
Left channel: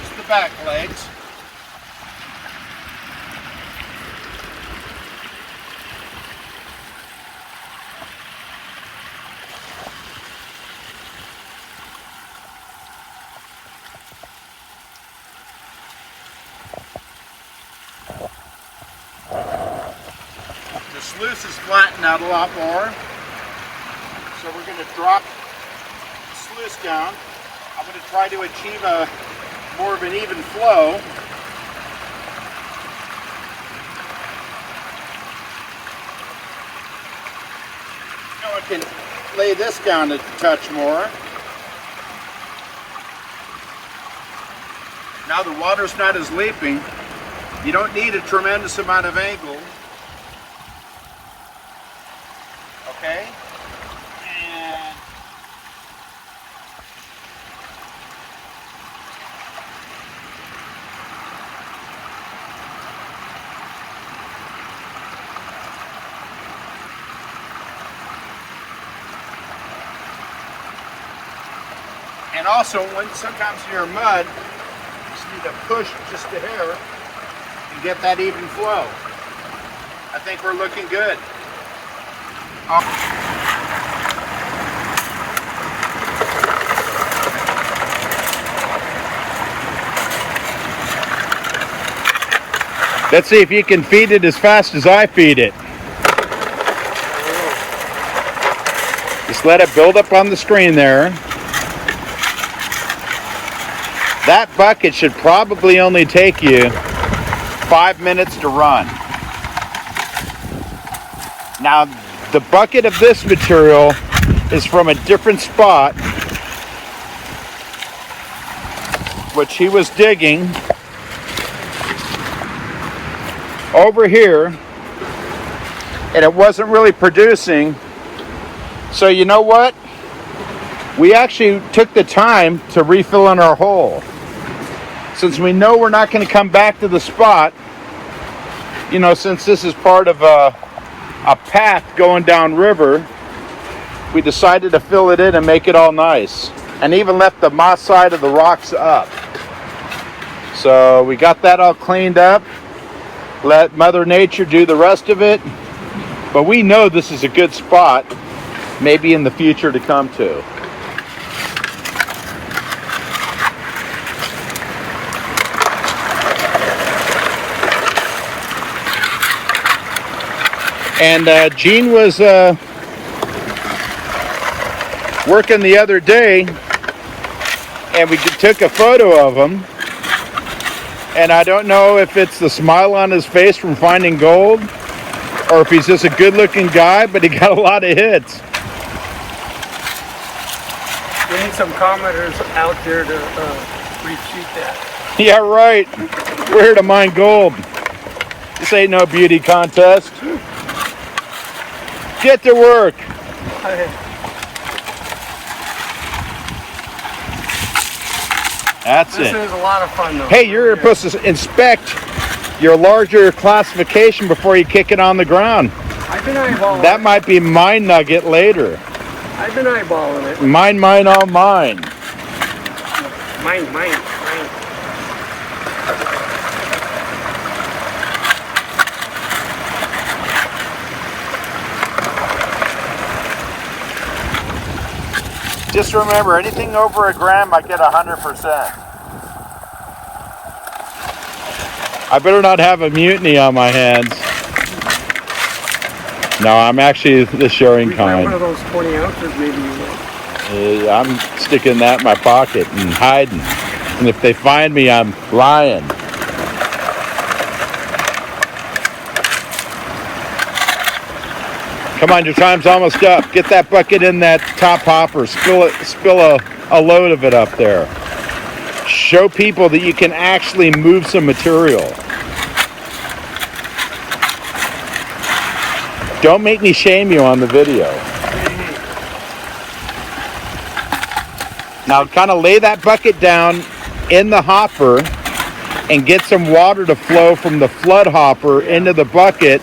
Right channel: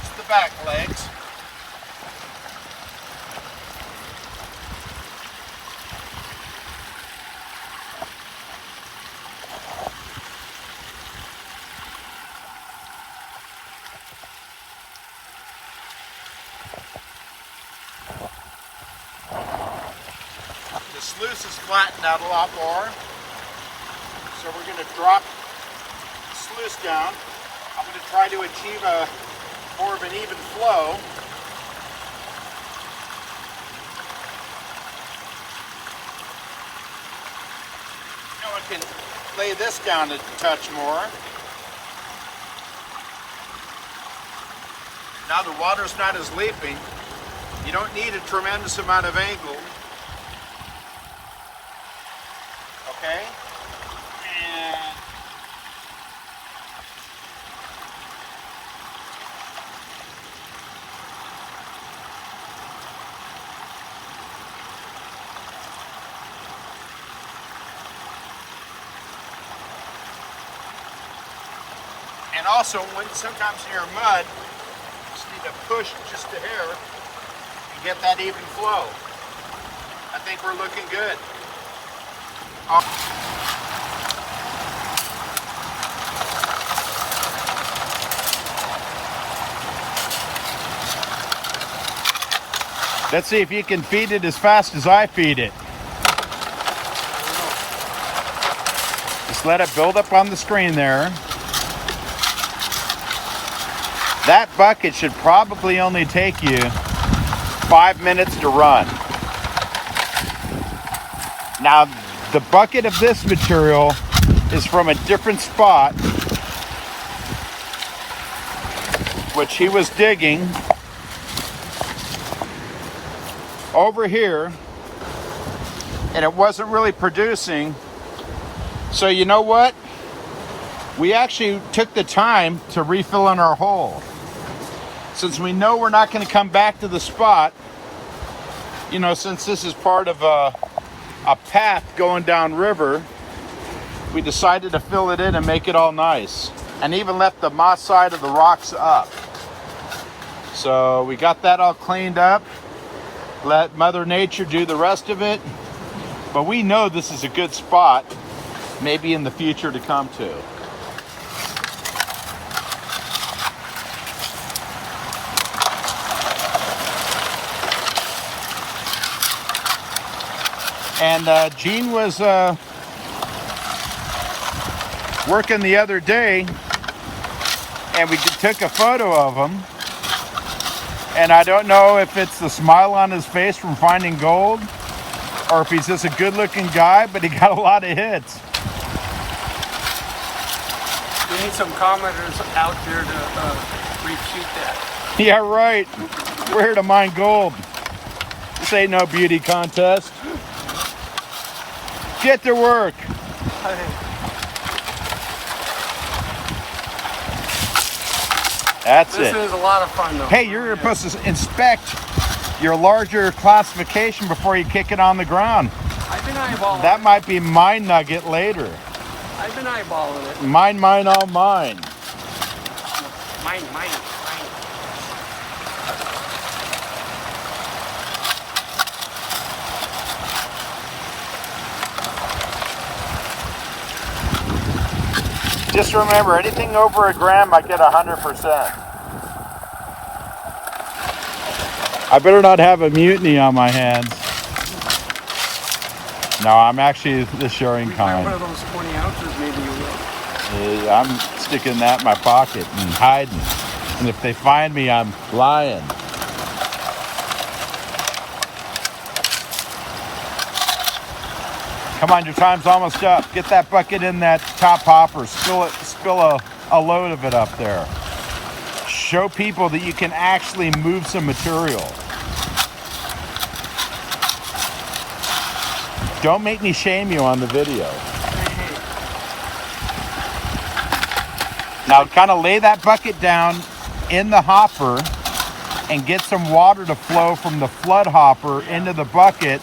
Just the back legs. The sluice is flattened out a lot more, so we're going to drop the sluice down. I'm going to try to achieve more of an even flow. Now I can lay this down a touch more. Now the water's not as leaping. You don't need a tremendous amount of angle. Okay? And also, when sometimes you're in mud, you just need to push just a hair and get that even flow. I think we're looking good. Let's see if you can feed it as fast as I feed it. Just let it build up on the screen there. That bucket should probably only take you 5 minutes to run. Now, the bucket of this material is from a different spot, which he was digging over here, and it wasn't really producing. So you know what? We actually took the time to refill in our hole. Since we know we're not going to come back to the spot, you know, since this is part of a path going down river, we decided to fill it in and make it all nice, and even left the moss side of the rocks up. So we got that all cleaned up, let Mother Nature do the rest of it, but we know this is a good spot maybe in the future to come to. And Gene was working the other day, and we took a photo of him. And I don't know if it's the smile on his face from finding gold, or if he's just a good-looking guy, but he got a lot of hits. We need some commenters out there to refute that. Yeah, right. We're here to mine gold. This ain't no beauty contest. Get to work. That's This it. is a lot of fun though. Hey, you're supposed to inspect your larger classification before you kick it on the ground. I've been eyeballing That it. might be my nugget later. I've been eyeballing it. Mine, all mine. Mine. Just remember, anything over a gram, I get 100%. I better not have a mutiny on my hands. No, I'm actually the sharing We got one kind. of those 20 ounces maybe. You know. I'm sticking that in my pocket and hiding. And if they find me, I'm lying. Come on, your time's almost up. Get that bucket in that top hopper. Spill a load of it up there. Show people that you can actually move some material. Don't make me shame you on the video. Now kind of lay that bucket down in the hopper and get some water to flow from the flood hopper into the bucket.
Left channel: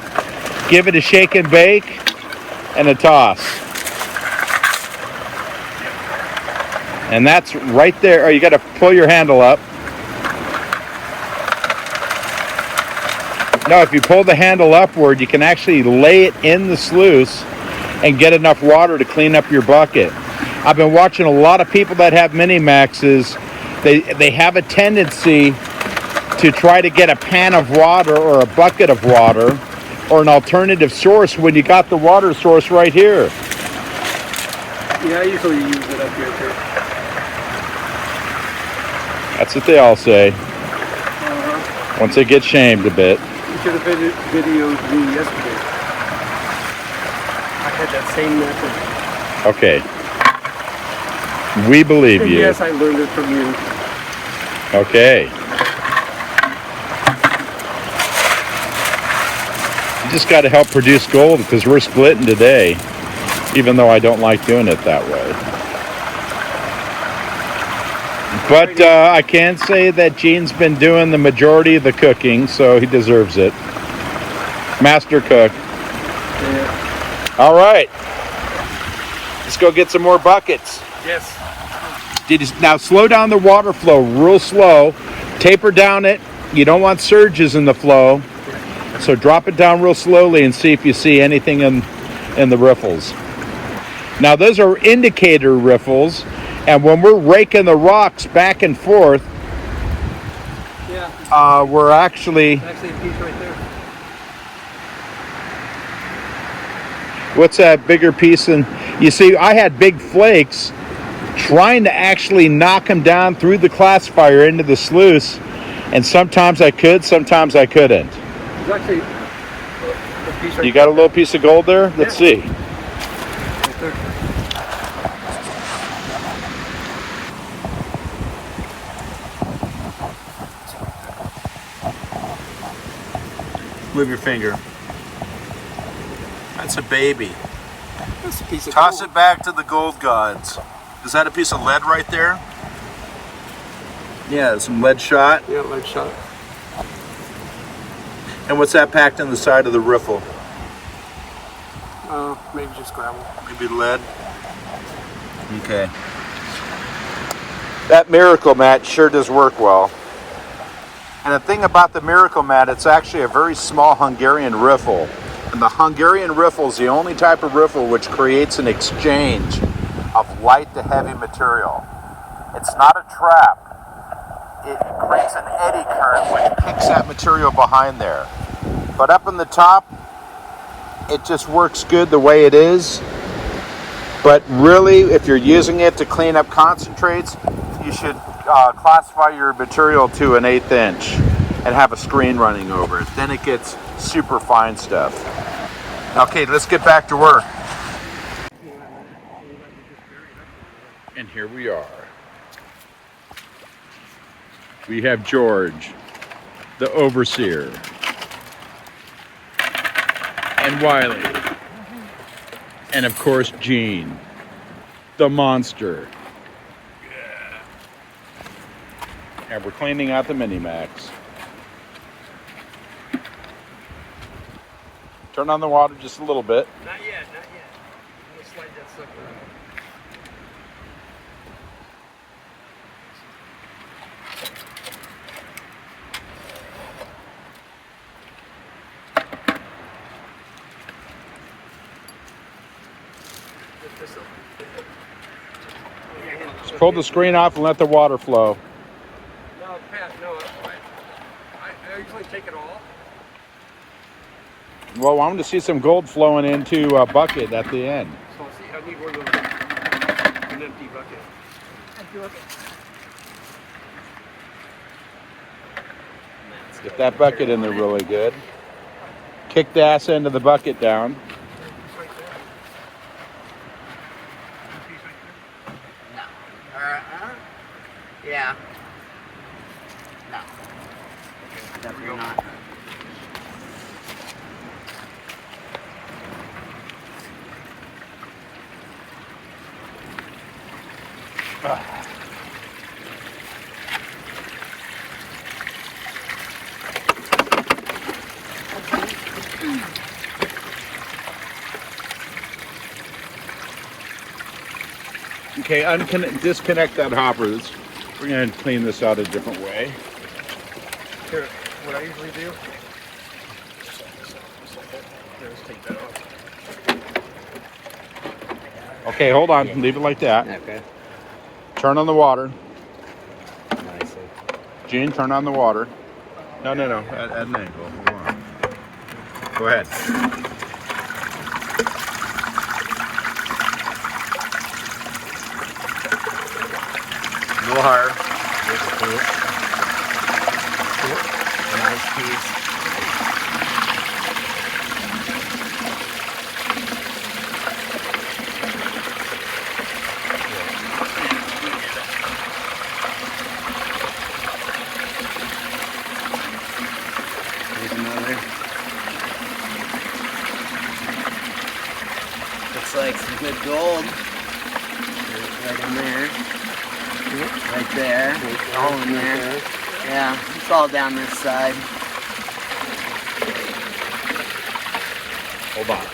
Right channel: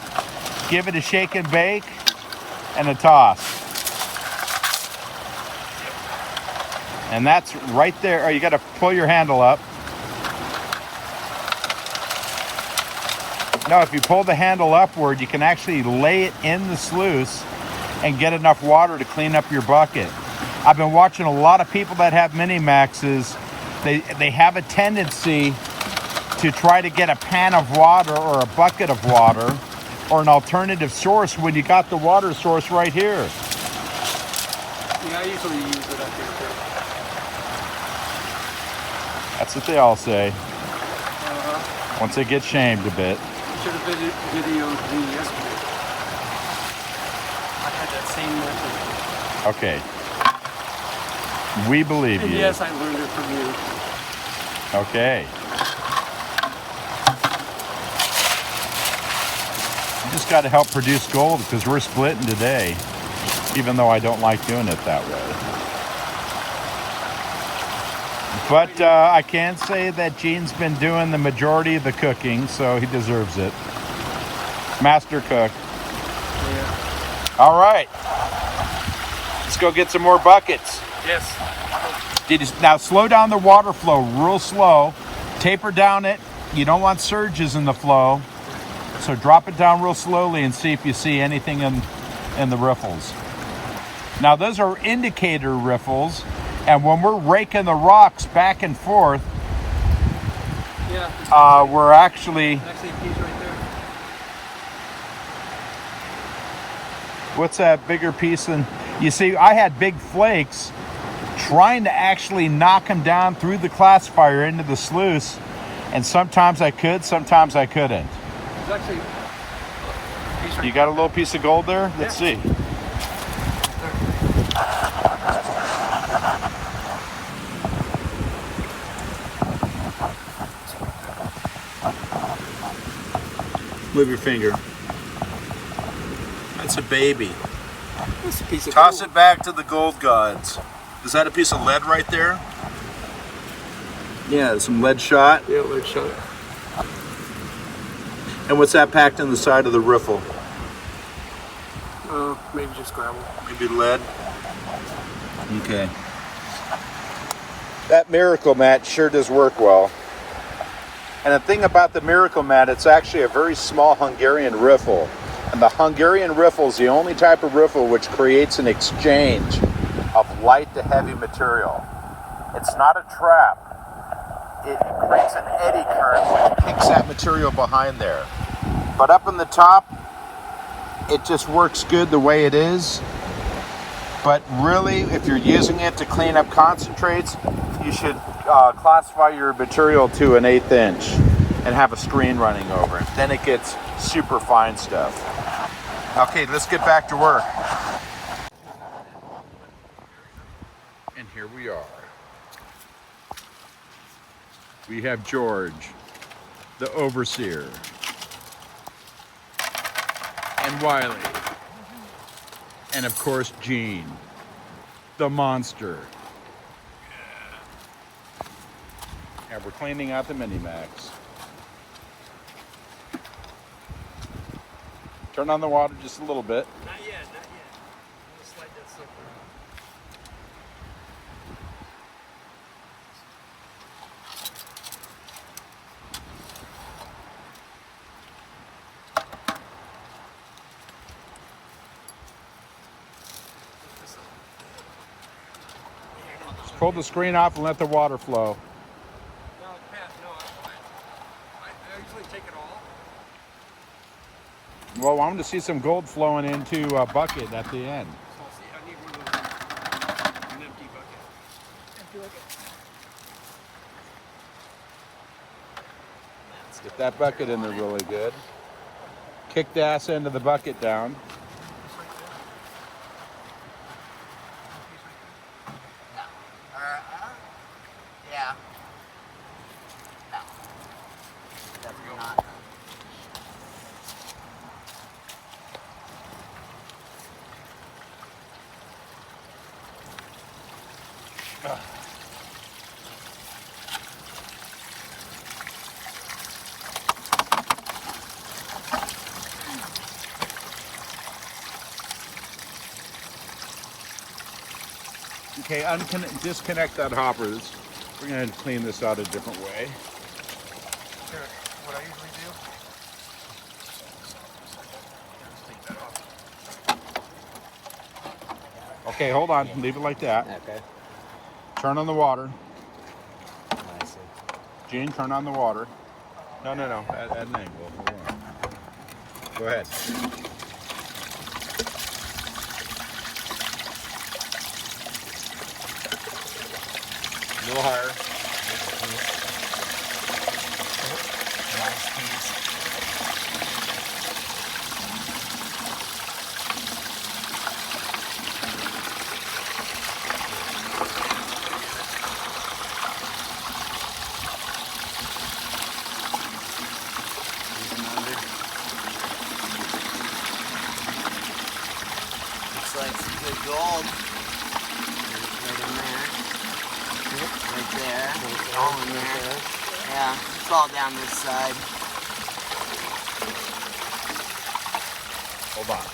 Give it a shake and bake and a toss. And that's right there. Oh, you got to pull your handle up. No, if you pull the handle upward, you can actually lay it in the sluice and get enough water to clean up your bucket. I've been watching a lot of people that have mini maxes. They have a tendency to try to get a pan of water or a bucket of water or an alternative source when you got the water source right here. Yeah, I usually use it up here too. That's what they all say. Once they get shamed a bit. You should have videoed me yesterday. I had that same method. Okay. We believe And you. yes, I learned it from you. Okay. You just got to help produce gold because we're splitting today, even though I don't like doing it that way. But I can say that Gene's been doing the majority of the cooking, so he deserves it. Master cook. Yeah. All right. Let's go get some more buckets. Yes. Now slow down the water flow real slow. Taper down it. You don't want surges in the flow. So drop it down real slowly and see if you see anything in the riffles. Now those are indicator riffles. And when we're raking the rocks back and forth, we're actually... Actually, a piece right there. What's that bigger piece? And you see, I had big flakes trying to actually knock them down through the classifier into the sluice. And sometimes I could, sometimes I couldn't. There's actually a piece right You got a little piece of gold there? Let's see. right there. Move your finger. That's a baby. That's a piece of Toss it back to the gold gods. Is that a piece of lead right there? Yeah, some lead shot. Yeah, lead shot. And what's that packed in the side of the riffle? Maybe just gravel. Maybe lead. Okay. That miracle mat sure does work well. And the thing about the miracle mat, it's actually a very small Hungarian riffle. And the Hungarian riffle is the only type of riffle which creates an exchange of light to heavy material. It's not a trap. It creates an eddy current which picks that material behind there. But up in the top, it just works good the way it is. But really, if you're using it to clean up concentrates, you should classify your material to an 1/8 inch and have a screen running over it. Then it gets super fine stuff. Okay, let's get back to work. And here we are. We have George, the overseer, and Wiley, and of course Gene, the monster. And we're cleaning out the Mini-Max. Turn on the water just a little bit. Not yet, not yet. Let's slide that sucker around. Lift this up. Just pull the screen off and let the water flow. No, Pat, no, that's fine. I usually take it off. Well, I want to see some gold flowing into a bucket at the end. So see, I need one of those, an empty bucket. Get that bucket in there really good. Kick the ass end of the bucket down. Yeah. No. Definitely not. Okay, disconnect that hopper. We're going to clean this out a different way. Here, what I usually do, let's take that off. Okay, hold on. Leave it like that. Okay. Turn on the water. Nice. Gene, turn on the water. No. At an angle. Go ahead. A little higher. There's a poop. Nice piece. Here's another. Looks like some good gold. Right in there. Right there. All in there. Yeah, it's all down this side. Hold on.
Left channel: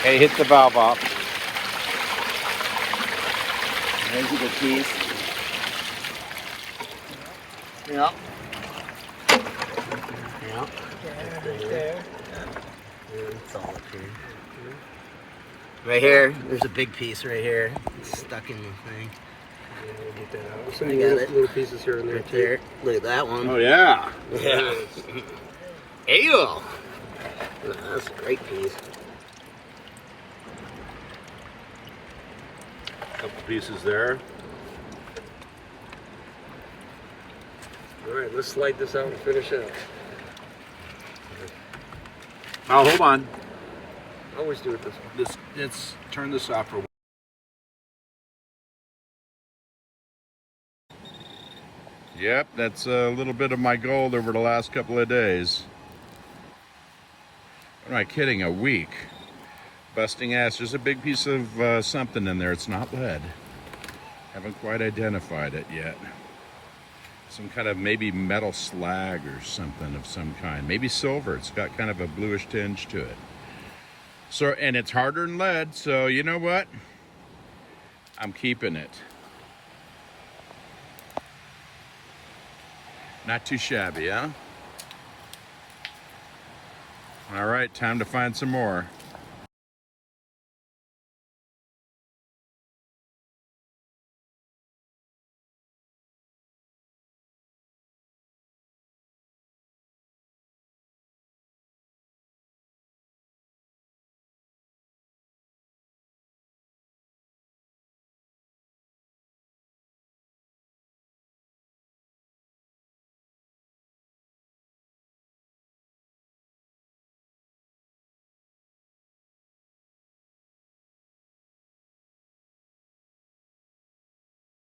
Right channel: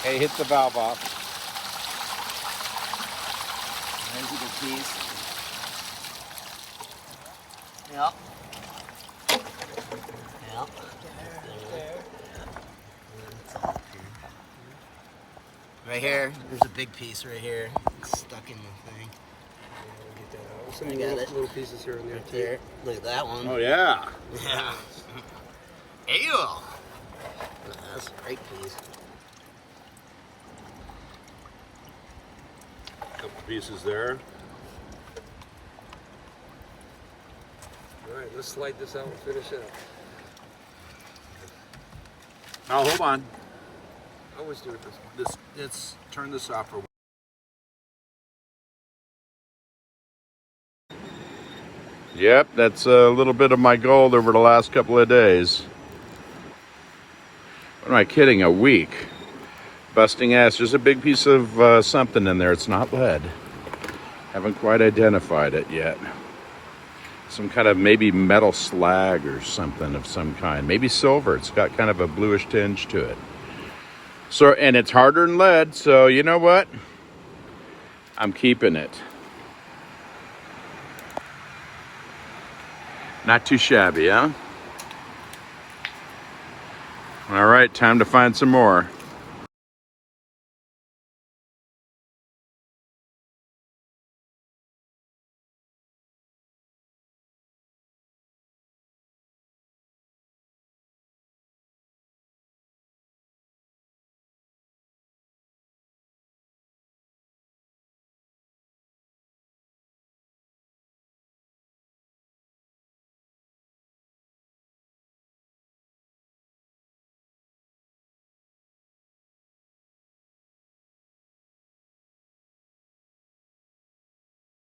Okay, hit the valve off. There's a good piece. Yep. Yep. There. It's all up here. Right here, there's a big piece right here. It's stuck in the thing. Yeah, we'll get that out. Some I got it. little pieces here and there Right too. there. Look at that one. Oh, yeah. Yeah. Ew. That's a great piece. Couple pieces there. All right, let's slide this out and finish it. Now, hold on. I always do it this way. Let's turn this off for. Yep, that's a little bit of my gold over the last couple of days. What am I kidding? A week. Busting ass. There's a big piece of something in there. It's not lead. Haven't quite identified it yet. Some kind of maybe metal slag or something of some kind. Maybe silver. It's got kind of a bluish tinge to it. So, and it's harder than lead, so you know what? I'm keeping it. Not too shabby, huh? All right, time to find some more.